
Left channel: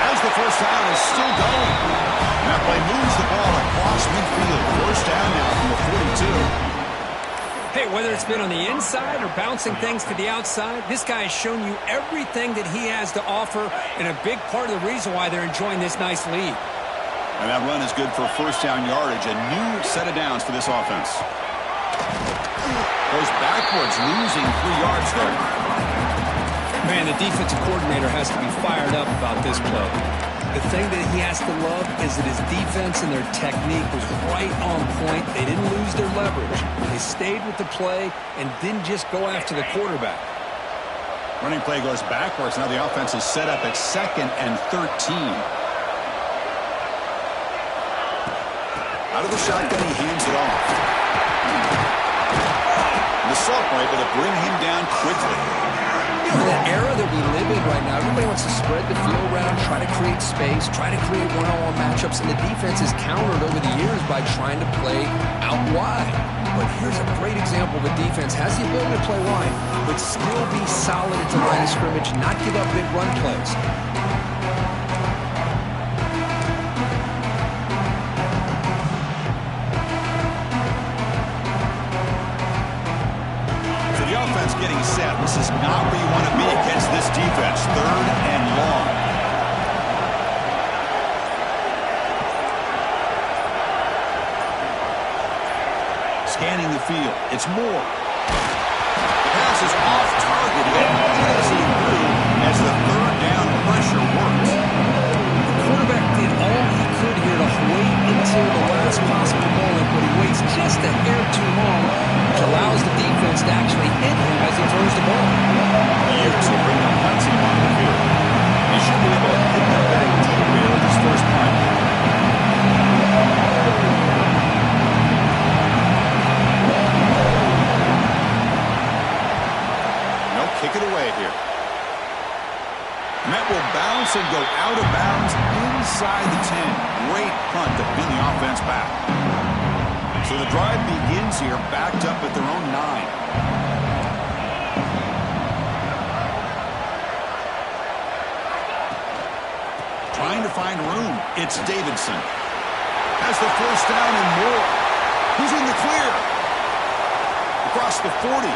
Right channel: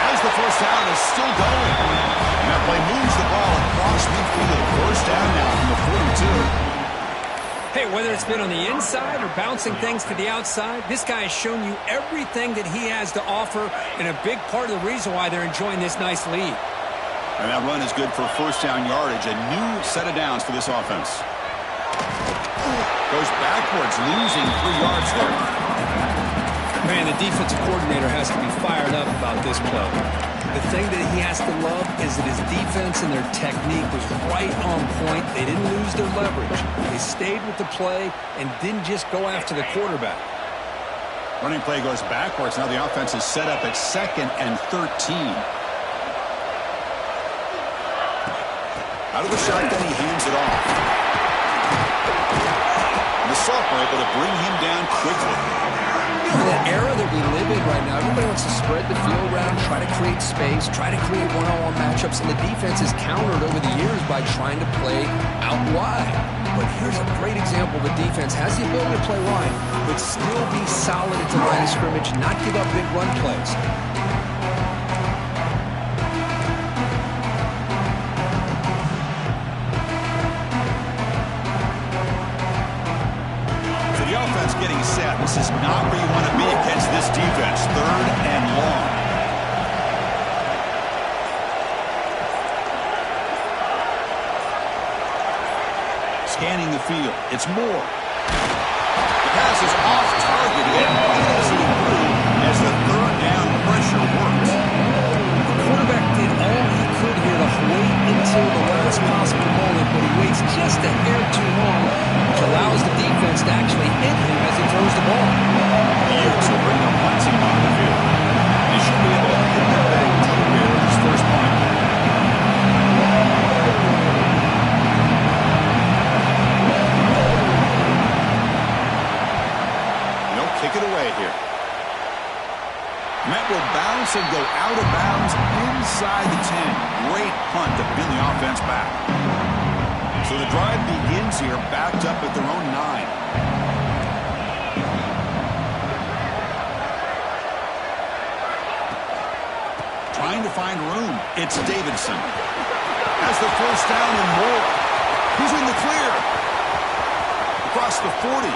As the 1st down is still going. And that play moves the ball across midfield. 1st down now from the 42. Hey, whether it's been on the inside or bouncing things to the outside, this guy has shown you everything that he has to offer, and a big part of the reason why they're enjoying this nice lead. And that run is good for 1st down yardage, a new set of downs for this offense. Goes backwards, losing 3 yards there. Man, the defensive coordinator has to be fired up about this play. The thing that he has to love is that his defense and their technique was right on point. They didn't lose their leverage. They stayed with the play and didn't just go after the quarterback. Running play goes backwards. Now the offense is set up at 2nd and 13. Out of the shotgun, he hands it off. And the sophomore able to bring him down quickly. In the era that we live in right now, everybody wants to spread the field around, try to create space, try to create one-on-one matchups, and the defense is countered over the years by trying to play out wide. But here's a great example. The defense has the ability to play wide, but still be solid at the line of scrimmage, not give up big run plays. Getting set. This is not where you want to be against this defense. 3rd and long. Scanning the field. It's Moore. The pass is off target again. Easy through as the 3rd down pressure works. The quarterback did all he could here to wait until the last possible moment, but he waits just a hair too long, which allows the defense to actually hit him as he throws the ball. Utes will bring the punt team on the field. They should be able to hit that back deep here with his first punt. No, kick it away here. Met will bounce and go out of bounds inside the 10. Great punt to pin the offense back. So the drive begins here, backed up at their own 9. Trying to find room. It's Davidson. Has the first down and more. He's in the clear. Across the 40.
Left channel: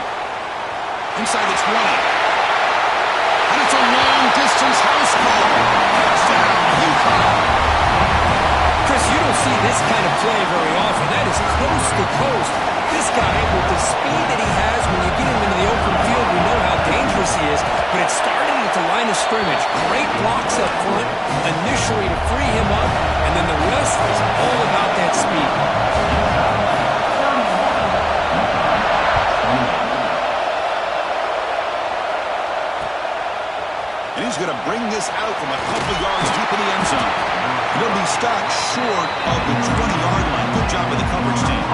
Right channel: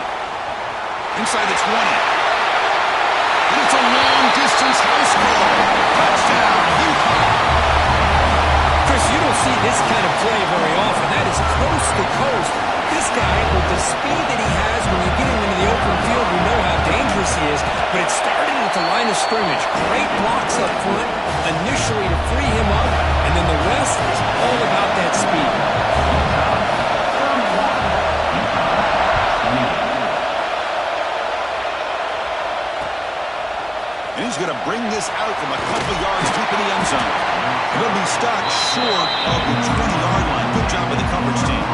Inside the 20. And it's a long-distance house call. Touchdown, UConn. Chris, you don't see this kind of play very often. That is coast to coast. This guy, with the speed that he has, when you get him into the open field, we know how dangerous he is. But it started at the line of scrimmage. Great blocks up front, initially to free him up, and then the rest is all about that speed. And he's going to bring this out from a couple yards deep in the end zone. He'll be stopped short of the 20-yard line. Good job with the coverage team.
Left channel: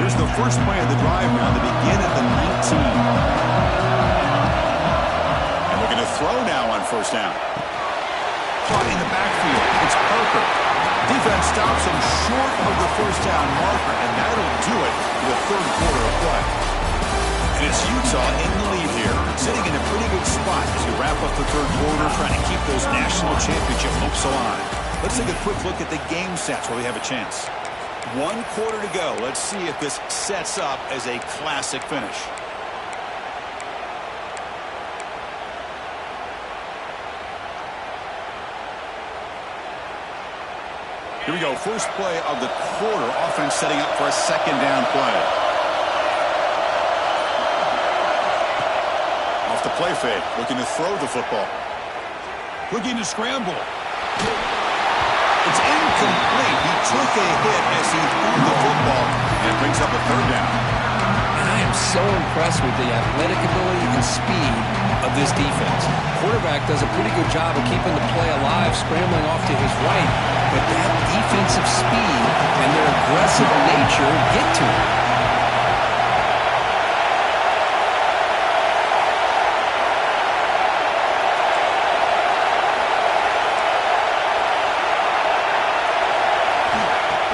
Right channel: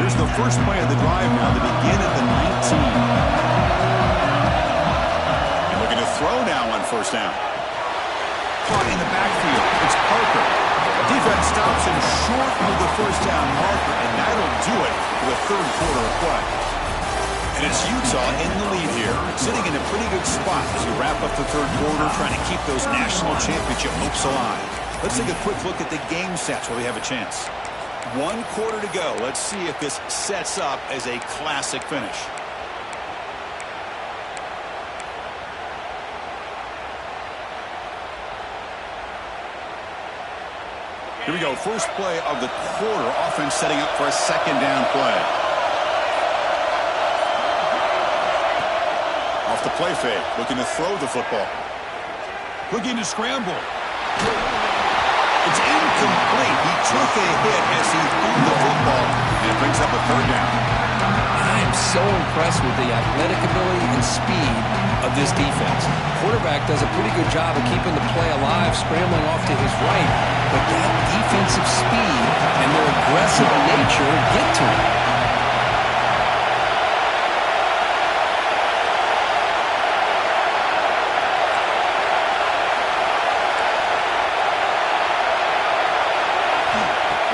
Here's the first play of the drive now. They begin at the 19. And looking to throw now on first down. Caught in the backfield. It's Parker. Defense stops him short of the first down marker, and that'll do it for the third quarter of play. And it's Utah in the lead here, sitting in a pretty good spot as you wrap up the third quarter, trying to keep those national championship hopes alive. Let's take a quick look at the game stats where we have a chance. 1 quarter to go. Let's see if this sets up as a classic finish. Here we go. First play of the quarter. Offense setting up for a second down play. Off the play fake. Looking to throw the football. Looking to scramble. It's incomplete. He took a hit as he threw the football, and it brings up a third down. And I am so impressed with the athletic ability and speed of this defense. Quarterback does a pretty good job of keeping the play alive, scrambling off to his right. But that defensive speed and their aggressive nature get to him.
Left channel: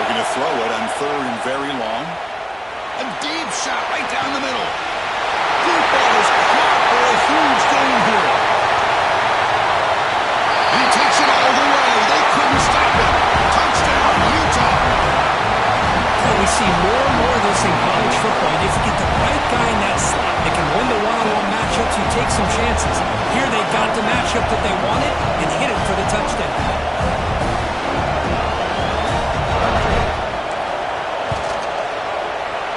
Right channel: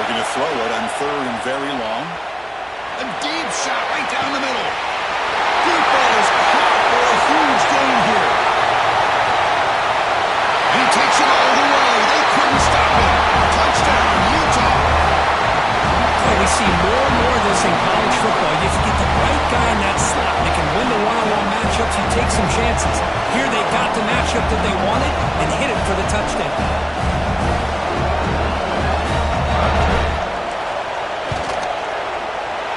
Looking to throw it on third and very long. A deep shot right down the middle. Deep ball is caught for a huge gain here. And he takes it all the way. They couldn't stop him. Touchdown, Utah. Well, we see more and more of this in college football. If you get the right guy in that slot that can win the one-on-one matchups, you take some chances. Here they got the matchup that they wanted and hit it for the touchdown.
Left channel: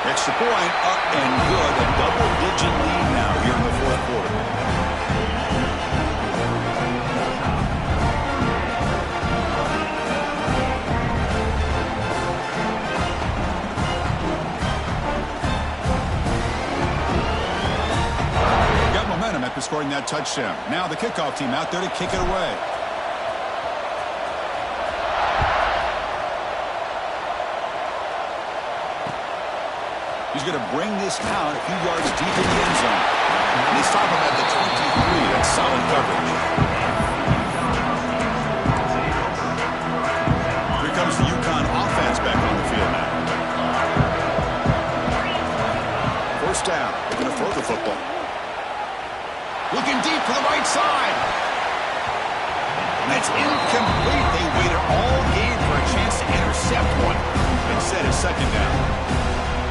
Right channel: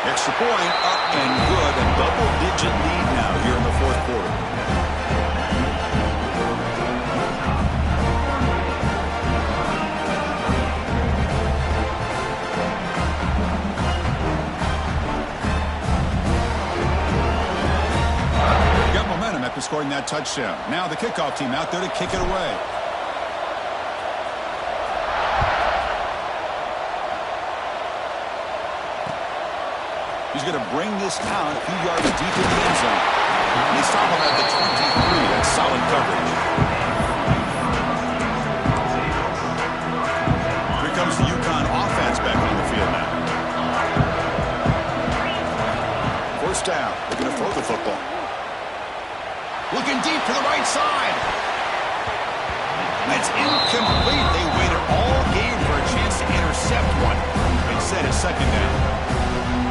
Extra point, up and good. A double-digit lead now here in the fourth quarter. Got momentum after scoring that touchdown. Now the kickoff team out there to kick it away. He's going to bring this out a few yards deep in the end zone. And they stop him at the 23. That's solid coverage. Here comes the UConn offense back on the field now. First down. They're going to throw the football. Looking deep to the right side. That's incomplete. They waited all game for a chance to intercept one. Instead, it's second down.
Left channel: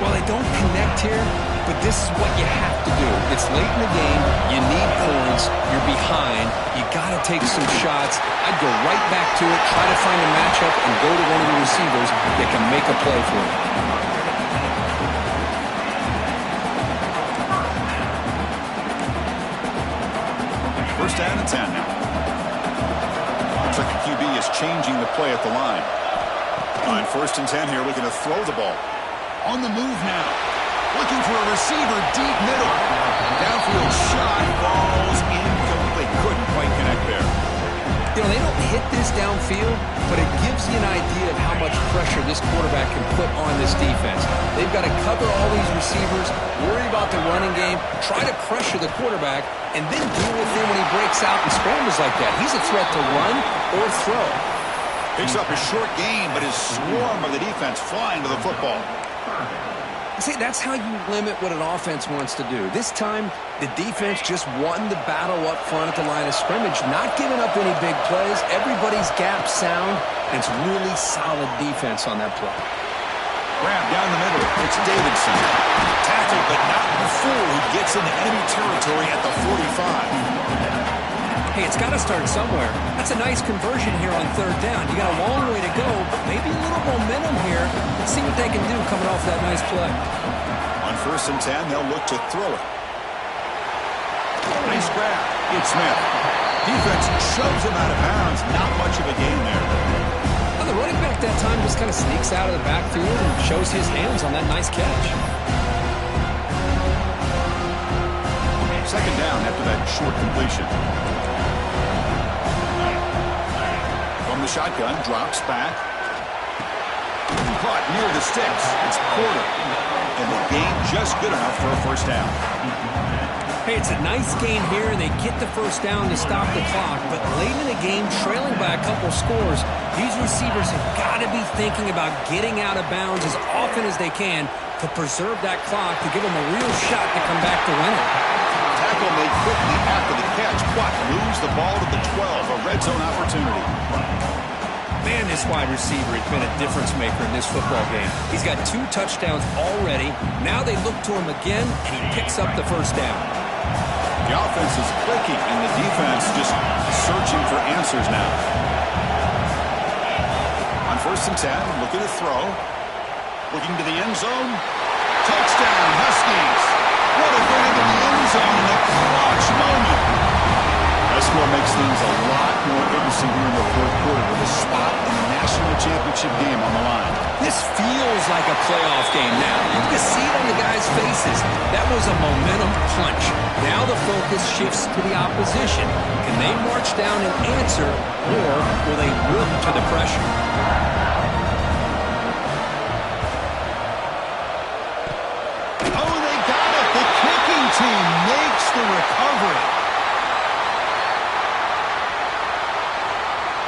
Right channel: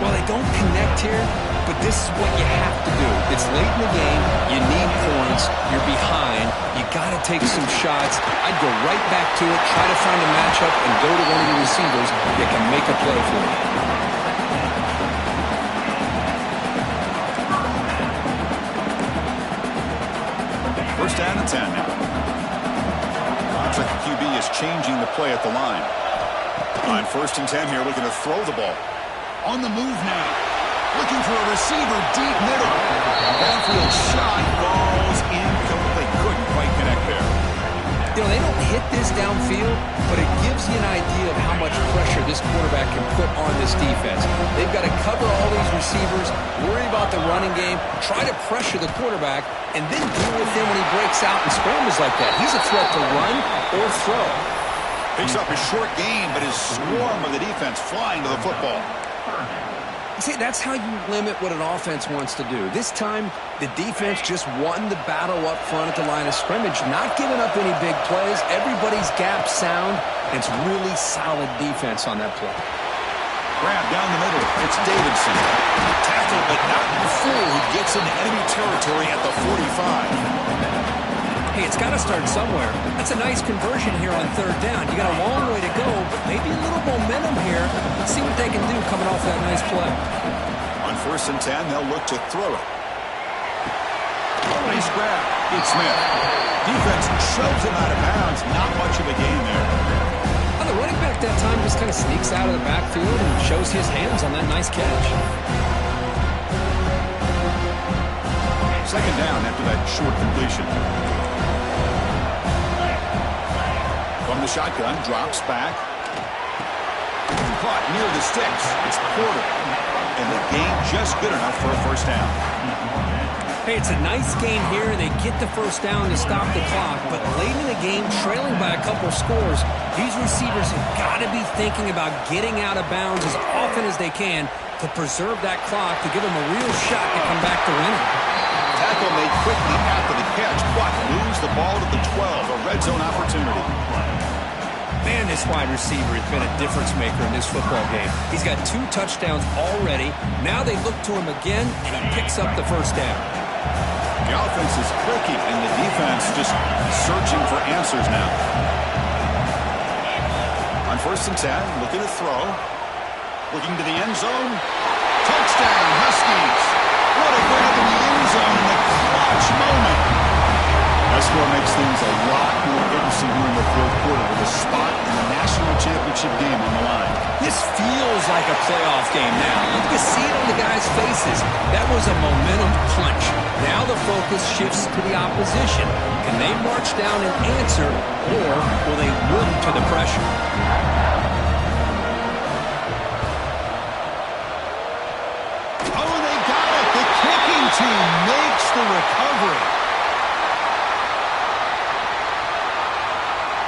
Well, they don't connect here, but this is what you have to do. It's late in the game. You need points. You're behind. You got to take some shots. I'd go right back to it, try to find a matchup, and go to one of the receivers that can make a play for you. First down and 10 now. Looks like the QB is changing the play at the line. On first and 10 here, looking to throw the ball. On the move now. Looking for a receiver deep middle. Downfield shot falls incomplete. Couldn't quite connect there. You know, they don't hit this downfield, but it gives you an idea of how much pressure this quarterback can put on this defense. They've got to cover all these receivers, worry about the running game, try to pressure the quarterback, and then deal with him when he breaks out and scrambles like that. He's a threat to run or throw. Picks up a short gain, but his swarm of the defense flying to the football. See, that's how you limit what an offense wants to do. This time, the defense just won the battle up front at the line of scrimmage, not giving up any big plays. Everybody's gap sound, and it's really solid defense on that play. Grab down the middle. It's Davidson. Tackled, but not before he gets into enemy territory at the 45. Hey, it's got to start somewhere. That's a nice conversion here on third down. You got a long way to go, but maybe a little momentum here. Let's see what they can do coming off that nice play. On 1st and 10, they'll look to throw it. Nice grab. It's Smith. Defense shoves him out of bounds. Not much of a gain there. And the running back that time just kind of sneaks out of the backfield and shows his hands on that nice catch. Second down after that short completion. From the shotgun, drops back. Caught near the sticks. It's Porter. And the gain just good enough for a first down. Hey, it's a nice gain here, and they get the first down to stop the clock. But late in the game, trailing by a couple scores, these receivers have got to be thinking about getting out of bounds as often as they can to preserve that clock, to give them a real shot to come back to win it. Tackle made quickly after the catch. Watt moves the ball to the 12, a red zone opportunity. Man, this wide receiver has been a difference maker in this football game. He's got 2 touchdowns already. Now they look to him again, and he picks up the first down. The offense is clicking, and the defense just searching for answers now. On 1st and 10, looking to throw. Looking to the end zone. Touchdown, Huskies. What a grab in the end zone in a clutch moment. That score makes things a lot more interesting here in the 4th quarter with a spot in the national championship game on the line. This feels like a playoff game now. You can see it on the guys' faces. That was a momentum punch. Now the focus shifts to the opposition. Can they march down and answer, or will they wilt to the pressure? Oh, they got it. The kicking team makes the recovery.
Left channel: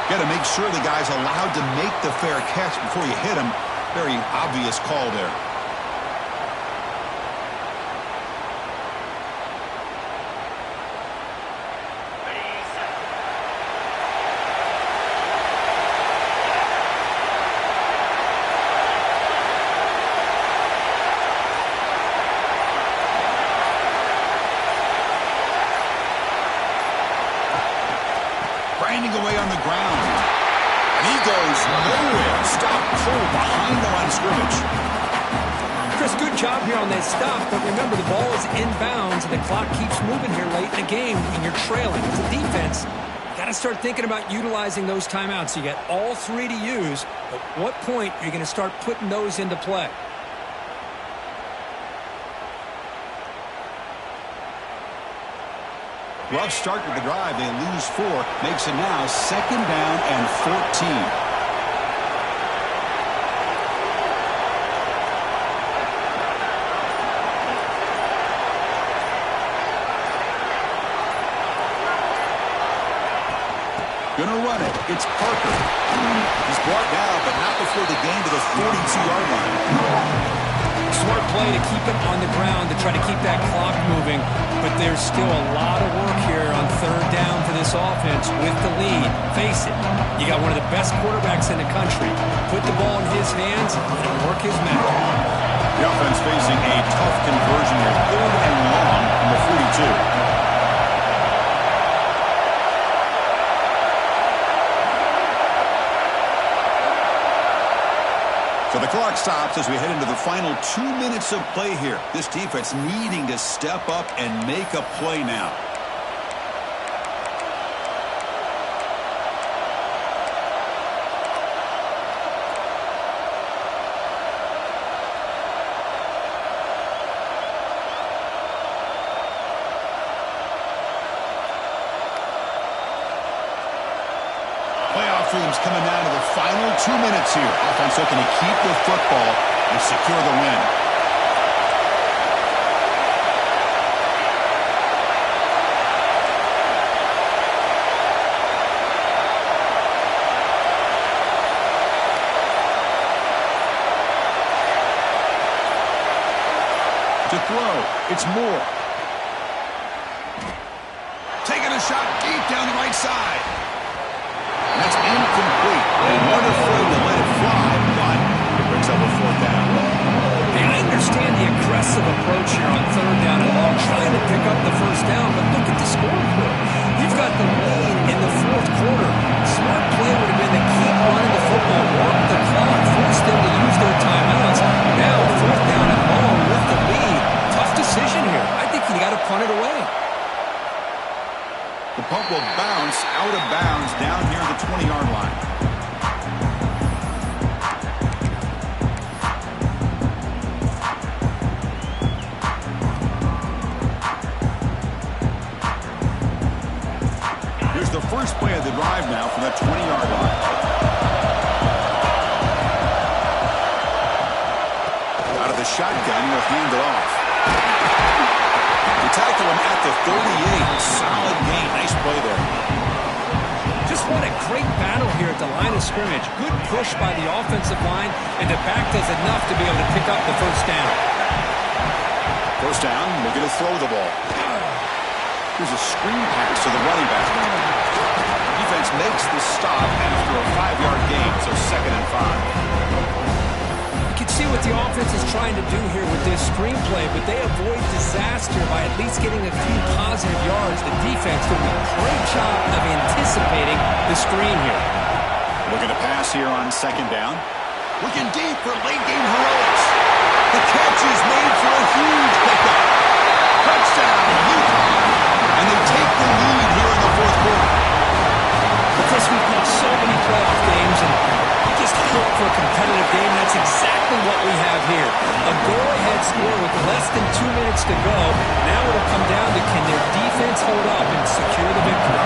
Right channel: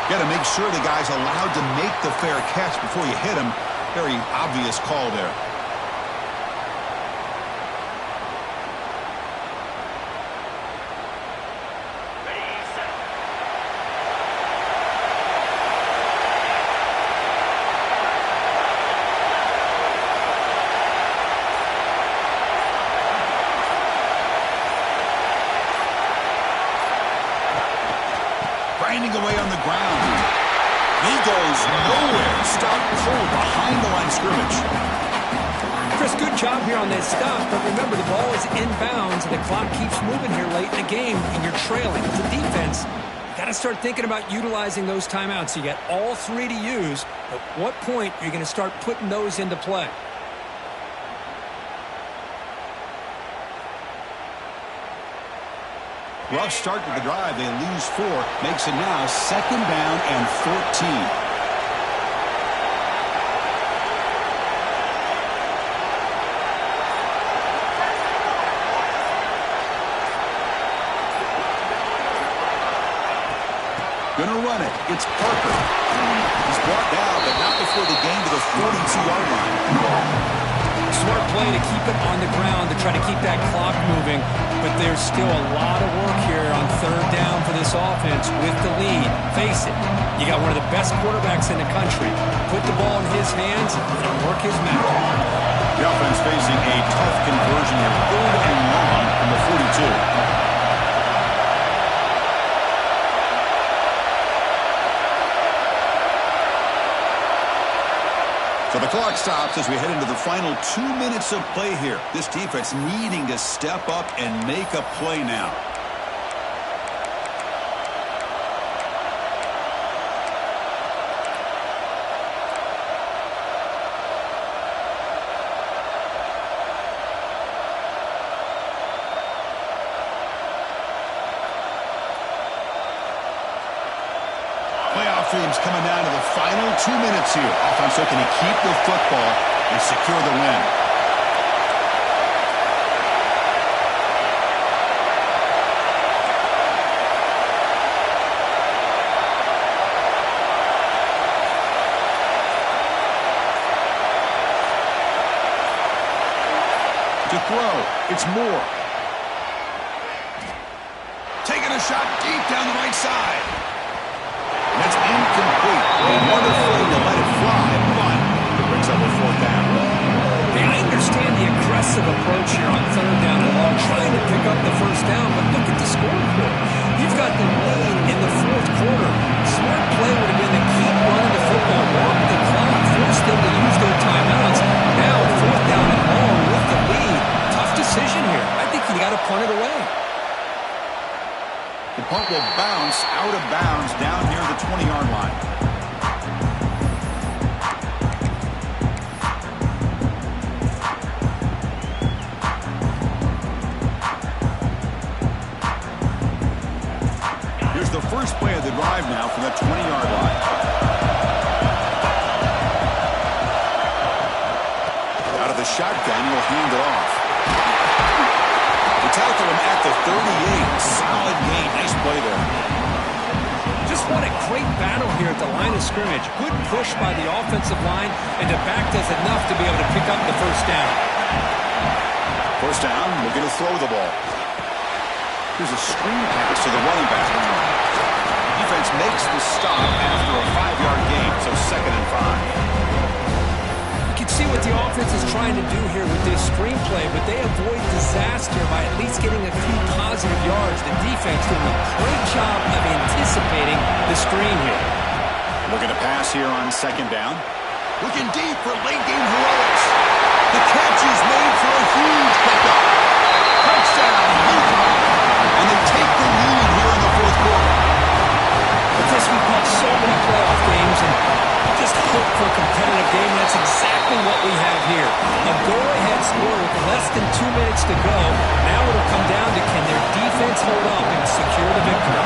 Got to make sure the guy's allowed to make the fair catch before you hit him. Very obvious call there. Grinding away on the ground. He goes nowhere. Stop pulled behind the line of scrimmage. Chris, good job here on that stop, but remember the ball is inbounds and the clock keeps moving here late in the game and you're trailing. As a defense, you got to start thinking about utilizing those timeouts. You got all 3 to use. At what point are you going to start putting those into play? Rough start to the drive. They lose 4. Makes it now 2nd down and 14. Gonna run it. It's Parker. He's brought down, but not before the gain to the 42-yard line. Smart play to keep it on the ground to try to keep that clock moving, but there's still a lot of work here on 3rd down for this offense with the lead. Face it, you got one of the best quarterbacks in the country. Put the ball in his hands and work his magic. The offense facing a tough conversion here, 3rd and long from the 42. So the clock stops as we head into the final 2 minutes of play here. This defense needing to step up and make a play now. Playoff dreams coming down to the final 2 minutes here. Offense looking to keep the football and secure the win. To throw, it's Moore. Taking a shot deep down the right side. And that's incomplete. They weren't afraid to let it fly, but it brings up a 4th down. Hey, I understand the aggressive approach here on 3rd down and long, trying to pick up the 1st down, but look at the scoreboard. You've got the lead in the 4th quarter. Smart play would have been to keep running the football, work the clock, force them to use their timeouts. Now, 4th down and long with the lead. Tough decision here. I think you got to punt it away. The punt will bounce out of bounds down near the 20-yard line. Here's the first play of the drive now from that 20-yard line. Out of the shotgun, he'll hand it off. They tackle him at the 38. Solid gain. Nice play there. Just what a great battle here at the line of scrimmage. Good push by the offensive line, and the back does enough to be able to pick up the 1st down. 1st down, looking to throw the ball. Here's a screen pass to the running back. Defense makes the stop after a 5-yard gain, so 2nd and 5. You can see what the offense is trying to do here with this screenplay, but they avoid disaster by at least getting a few positive yards. The defense doing a great job of anticipating the screen here. Looking to pass here on 2nd down. Looking deep for late-game heroics. The catch is made for a huge pickup. Touchdown, UConn. And they take the lead here in the 4th quarter. But Chris, we've watched so many playoff games, and you just hope for a competitive game. That's exactly what we have here. A go-ahead score with less than 2 minutes to go. Now it'll come down to can their defense hold up and secure the victory.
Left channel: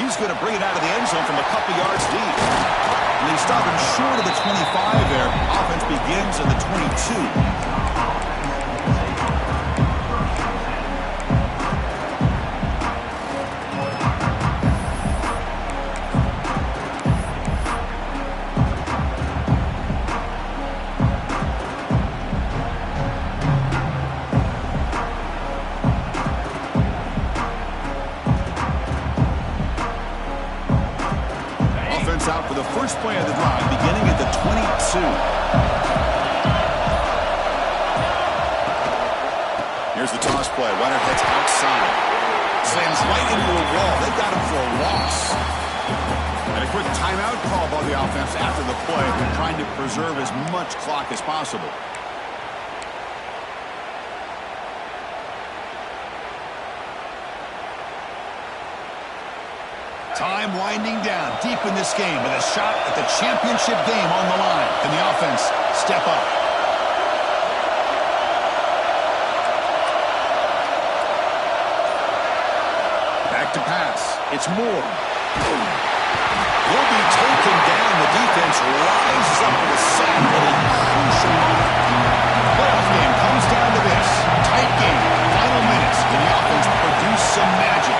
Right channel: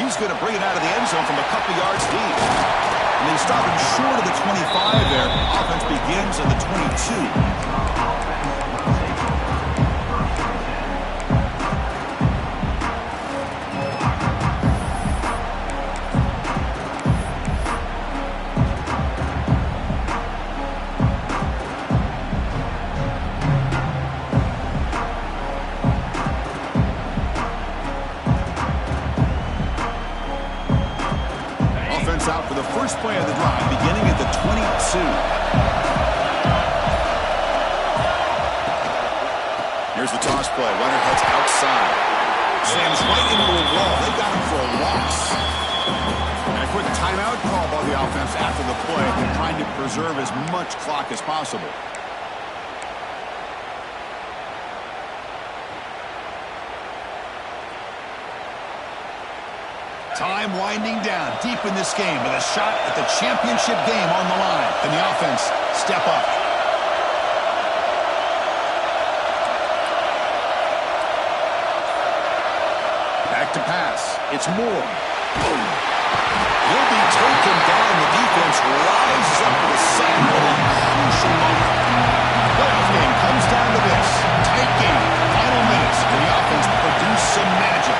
He's going to bring it out of the end zone from a couple yards deep. And they stop him short of the 25 there. Offense begins at the 22. Out for the first play of the drive, beginning at the 22. Here's the toss play. Runner heads outside. Slams right into a wall. They got him for a loss. And a quick timeout call by the offense after the play, trying to preserve as much clock as possible. Time winding down deep in this game with a shot at the championship game on the line. Can the offense step up? Back to pass. It's Moore. He'll be taken down. The defense rises up with a sack at a crucial moment. The playoff game comes down to this. Tight game. Final minutes. Can the offense produce some magic?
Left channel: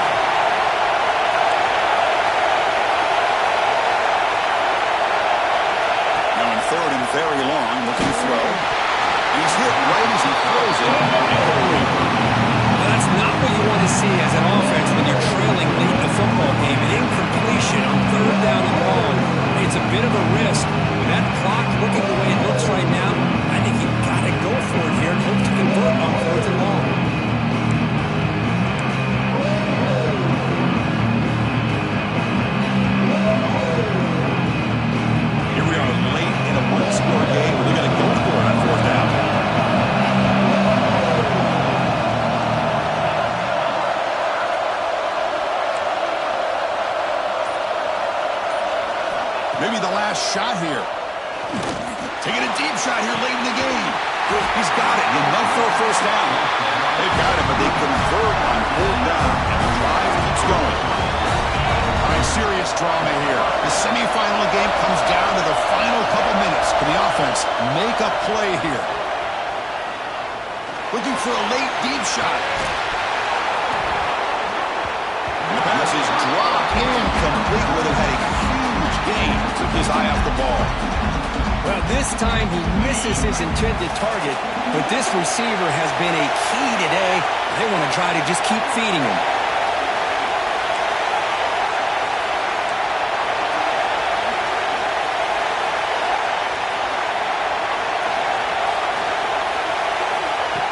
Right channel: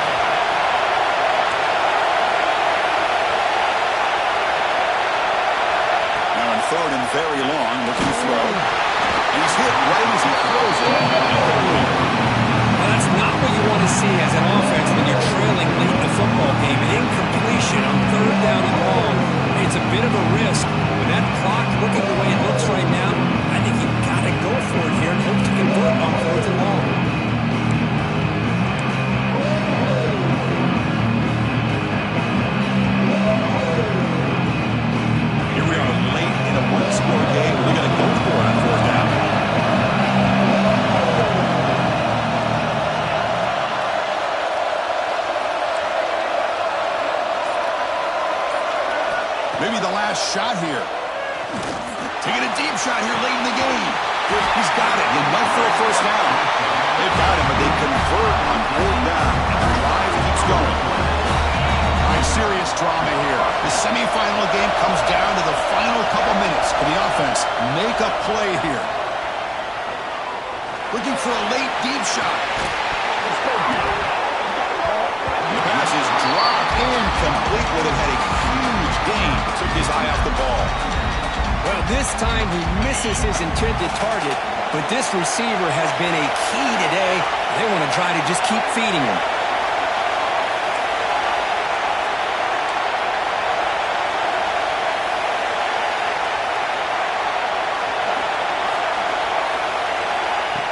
Now in 3rd and very long, looking to throw. And he's hit right as he throws it. Well, that's not what you want to see as an offense when you're trailing late in the football game. An incompletion on 3rd down and long. It's a bit of a risk. With that clock looking the way it looks right now, I think you've got to go for it here and hope to convert on 4th and long. Here we are late in a one-score game. We're going to go for it on 4th down. Maybe the last shot here. Taking a deep shot here late in the game. He's got it. Enough for a 1st down. They've got it, but they convert on there's drama here. The semifinal game comes down to the final couple minutes. Can the offense make a play here? Looking for a late deep shot. And the pass is dropped in complete with it. Had a huge gain. Took his eye off the ball. Well, this time he misses his intended target, but this receiver has been a key today. They want to try to just keep feeding him.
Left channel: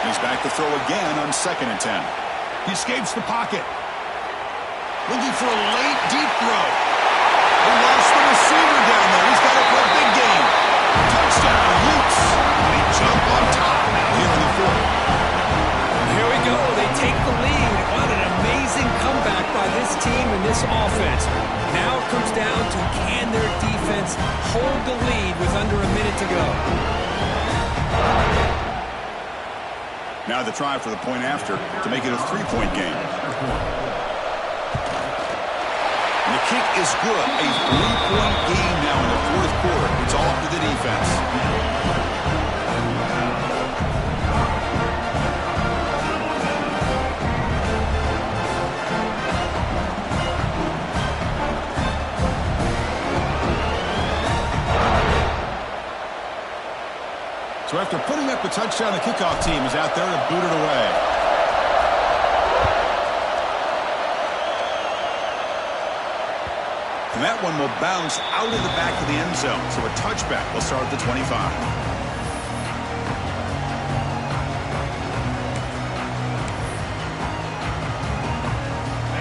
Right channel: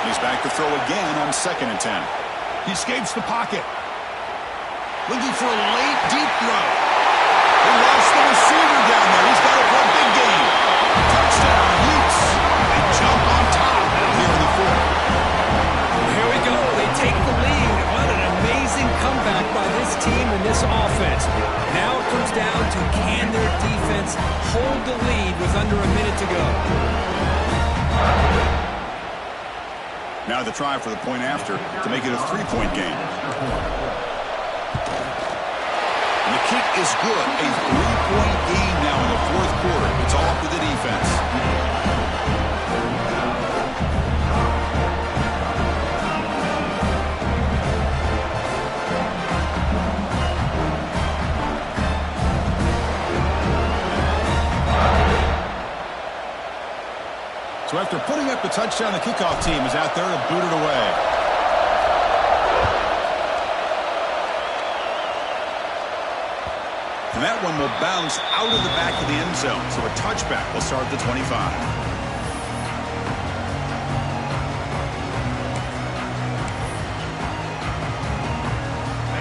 He's back to throw again on 2nd and 10. He escapes the pocket. Looking for a late deep throw. He lost the receiver down there. He's got it for a big gain. Touchdown, Utes. They jump on top out here in the 4th. Here we go. They take the lead. What an amazing comeback by this team and this offense. Now it comes down to can their defense hold the lead with under a minute to go. Now the try for the point after to make it a 3-point game. And the kick is good. A 3-point game now in the 4th quarter. It's all up to the defense. So after putting up the touchdown, the kickoff team is out there to boot it away. And that one will bounce out of the back of the end zone. So a touchback will start at the 25.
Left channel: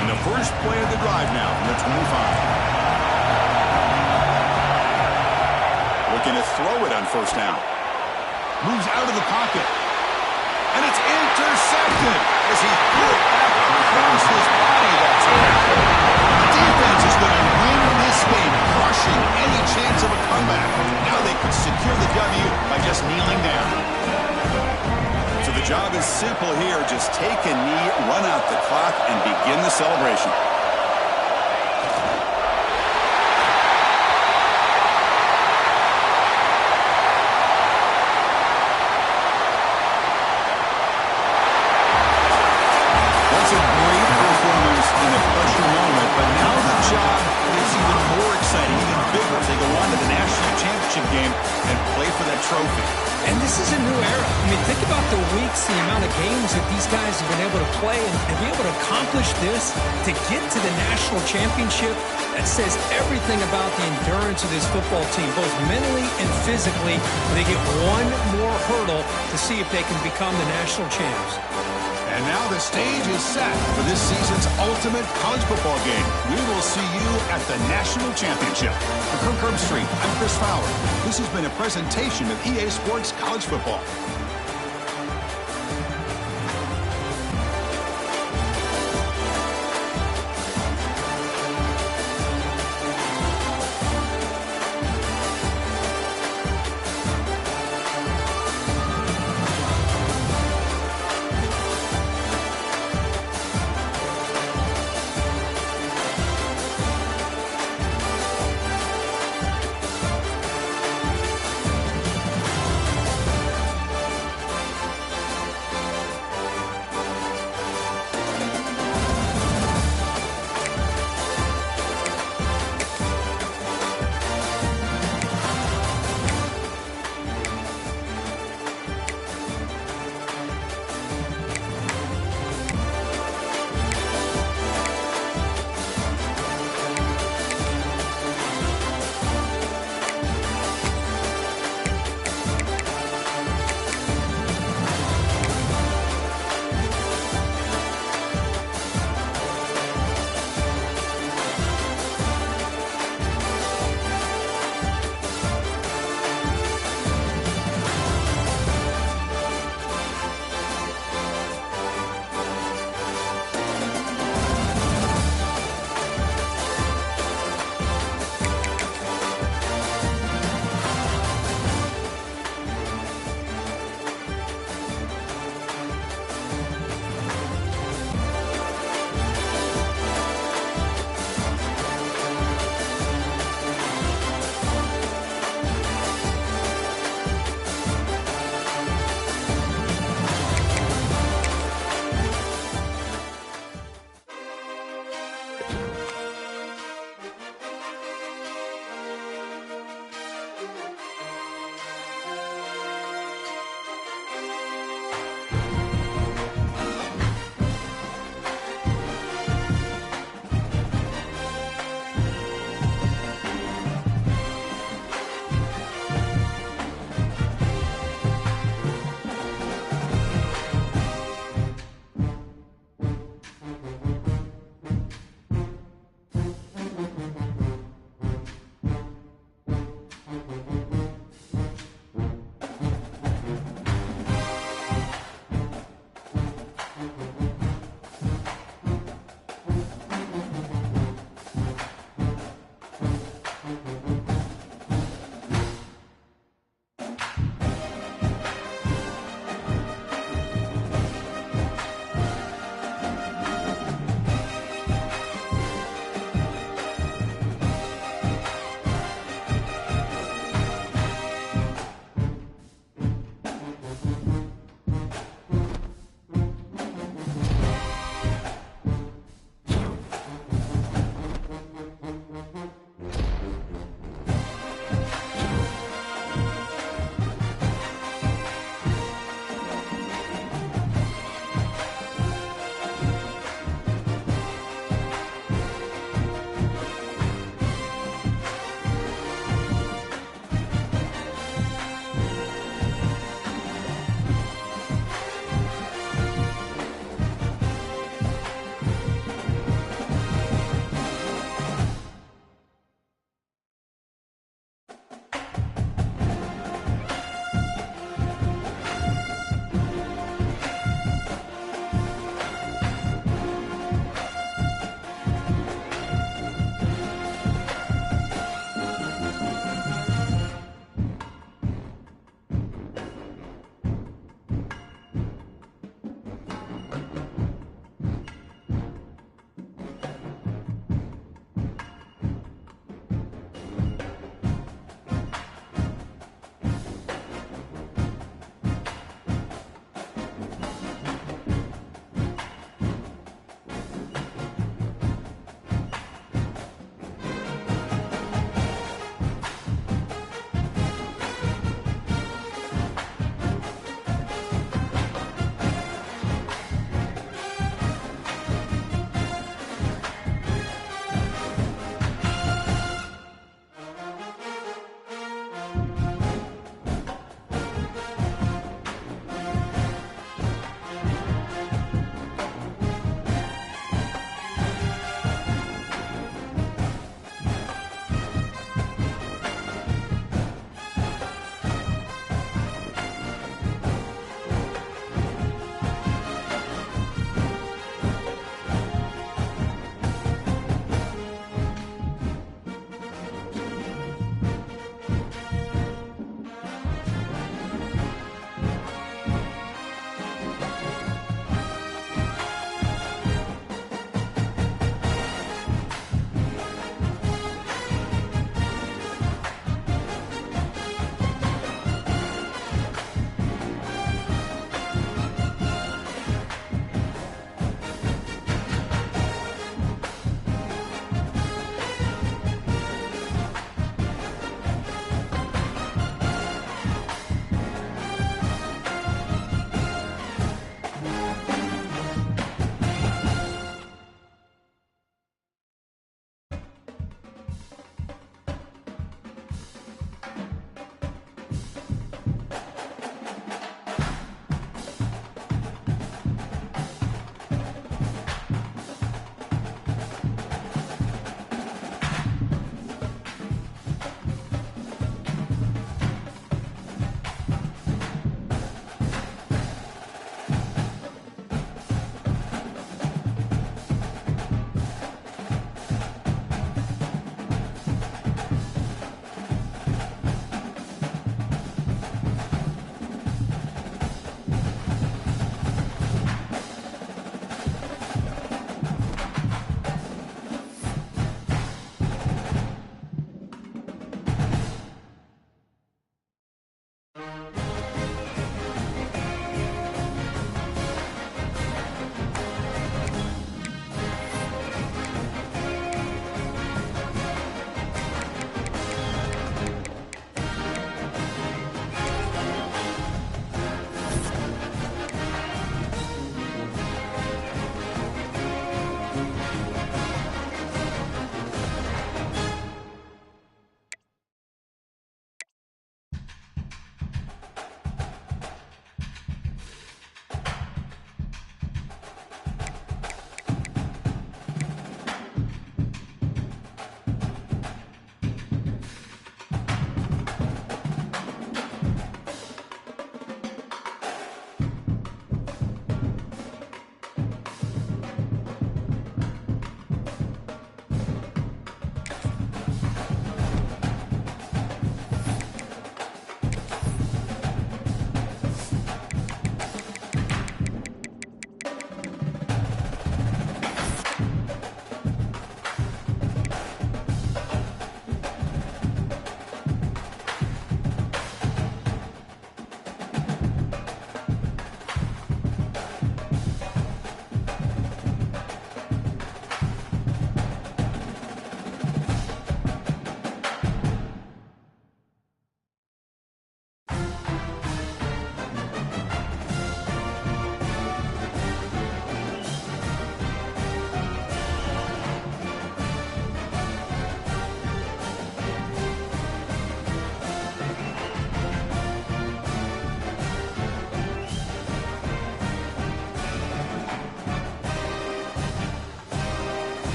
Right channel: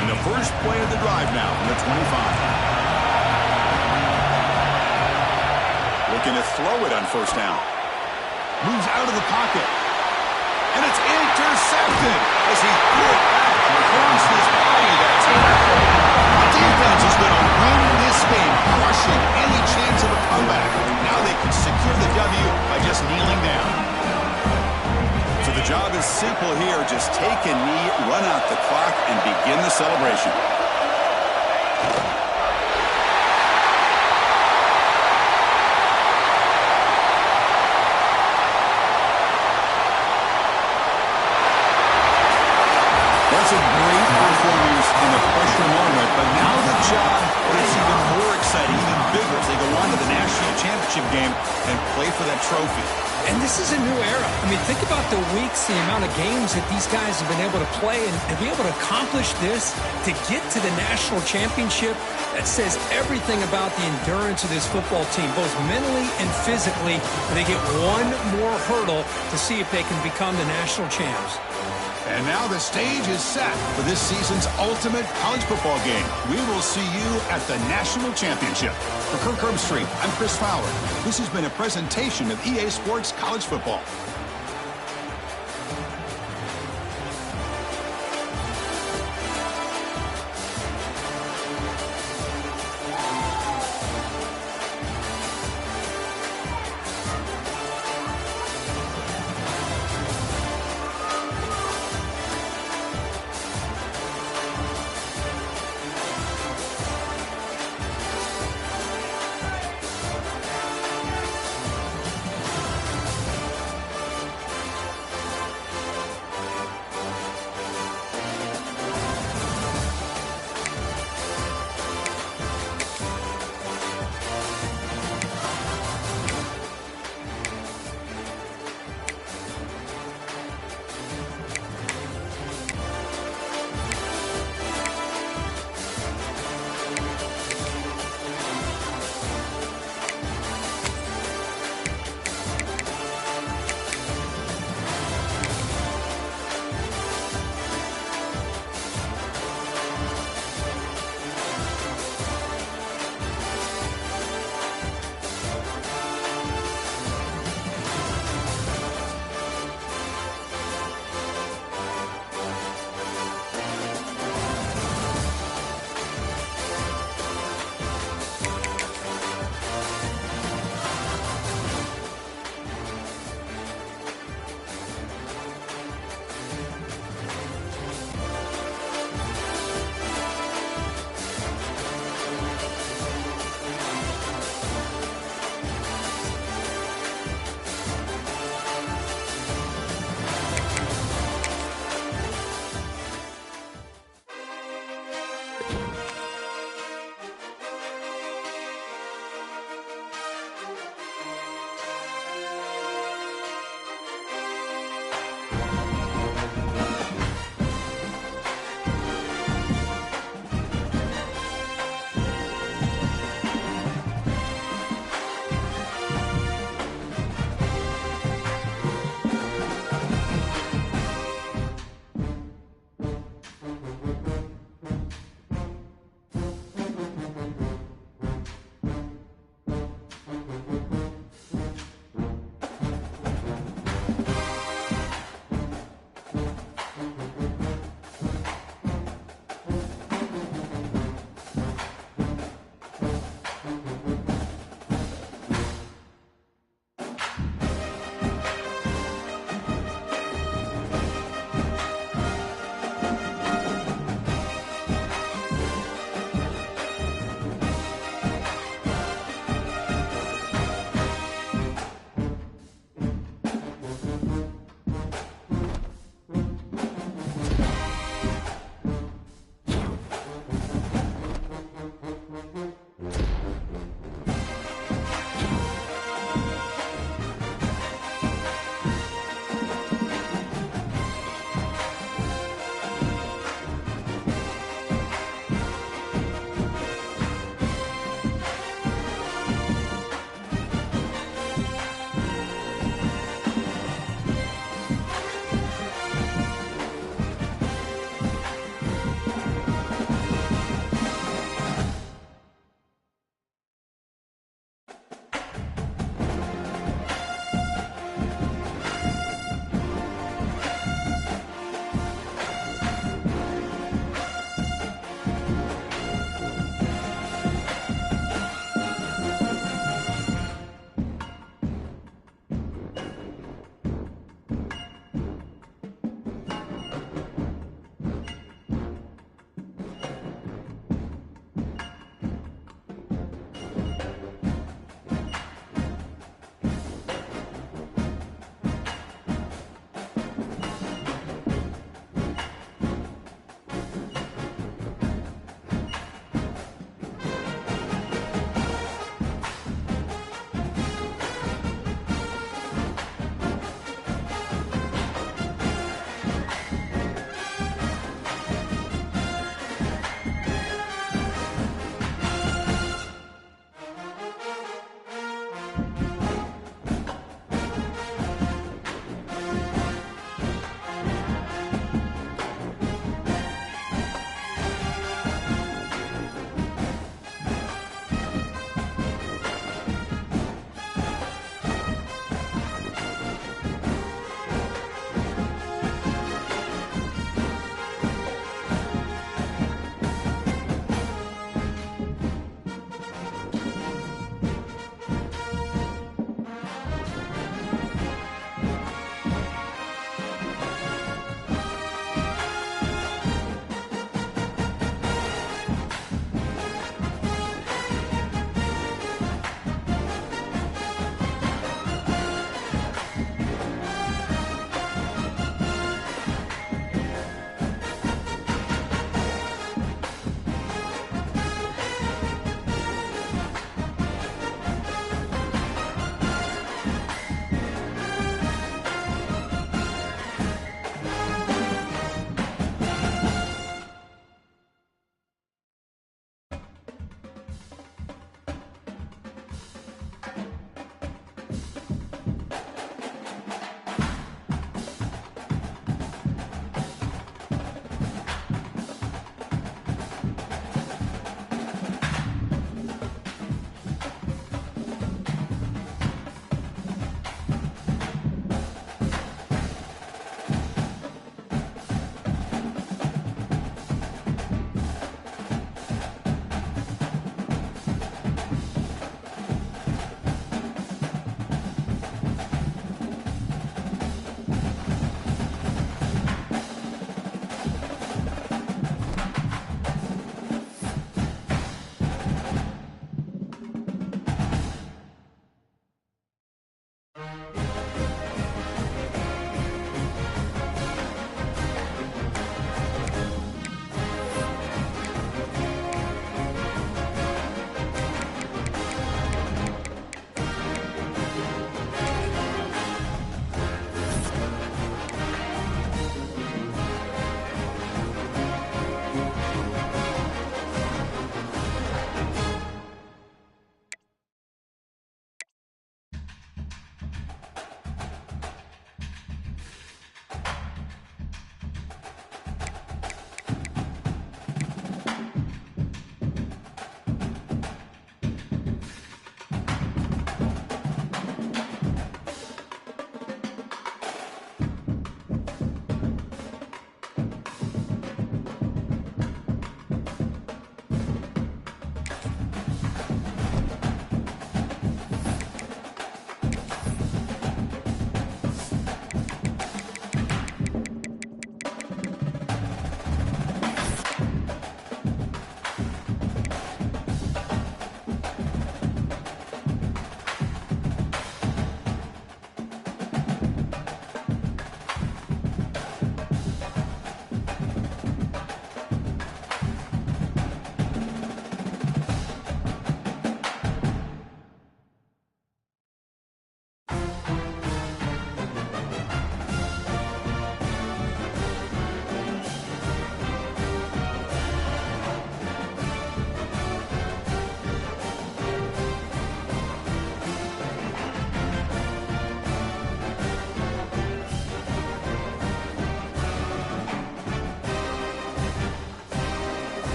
And the first play of the drive now from the 25. Looking to throw it on 1st down. Moves out of the pocket. And it's intercepted as he threw it back across his body that time. The defense is going to win this game, crushing any chance of a comeback. Now they can secure the W by just kneeling down. So the job is simple here. Just take a knee, run out the clock, and begin the celebration. That's a great performance in the pressure moment, but now the job gets even more exciting, even bigger as they go on to the national championship game and play for that trophy. And this is a new era. I mean, think about the weeks, the amount of games that these guys have been able to play and be able to accomplish this, to get to the national championship. That says everything about the endurance of this football team, both mentally and physically. They get one more hurdle to see if they can become the national champs. And now the stage is set for this season's ultimate college football game. We will see you at the National Championship. For Kirk Herbstreit, I'm Chris Fowler. This has been a presentation of EA Sports College Football.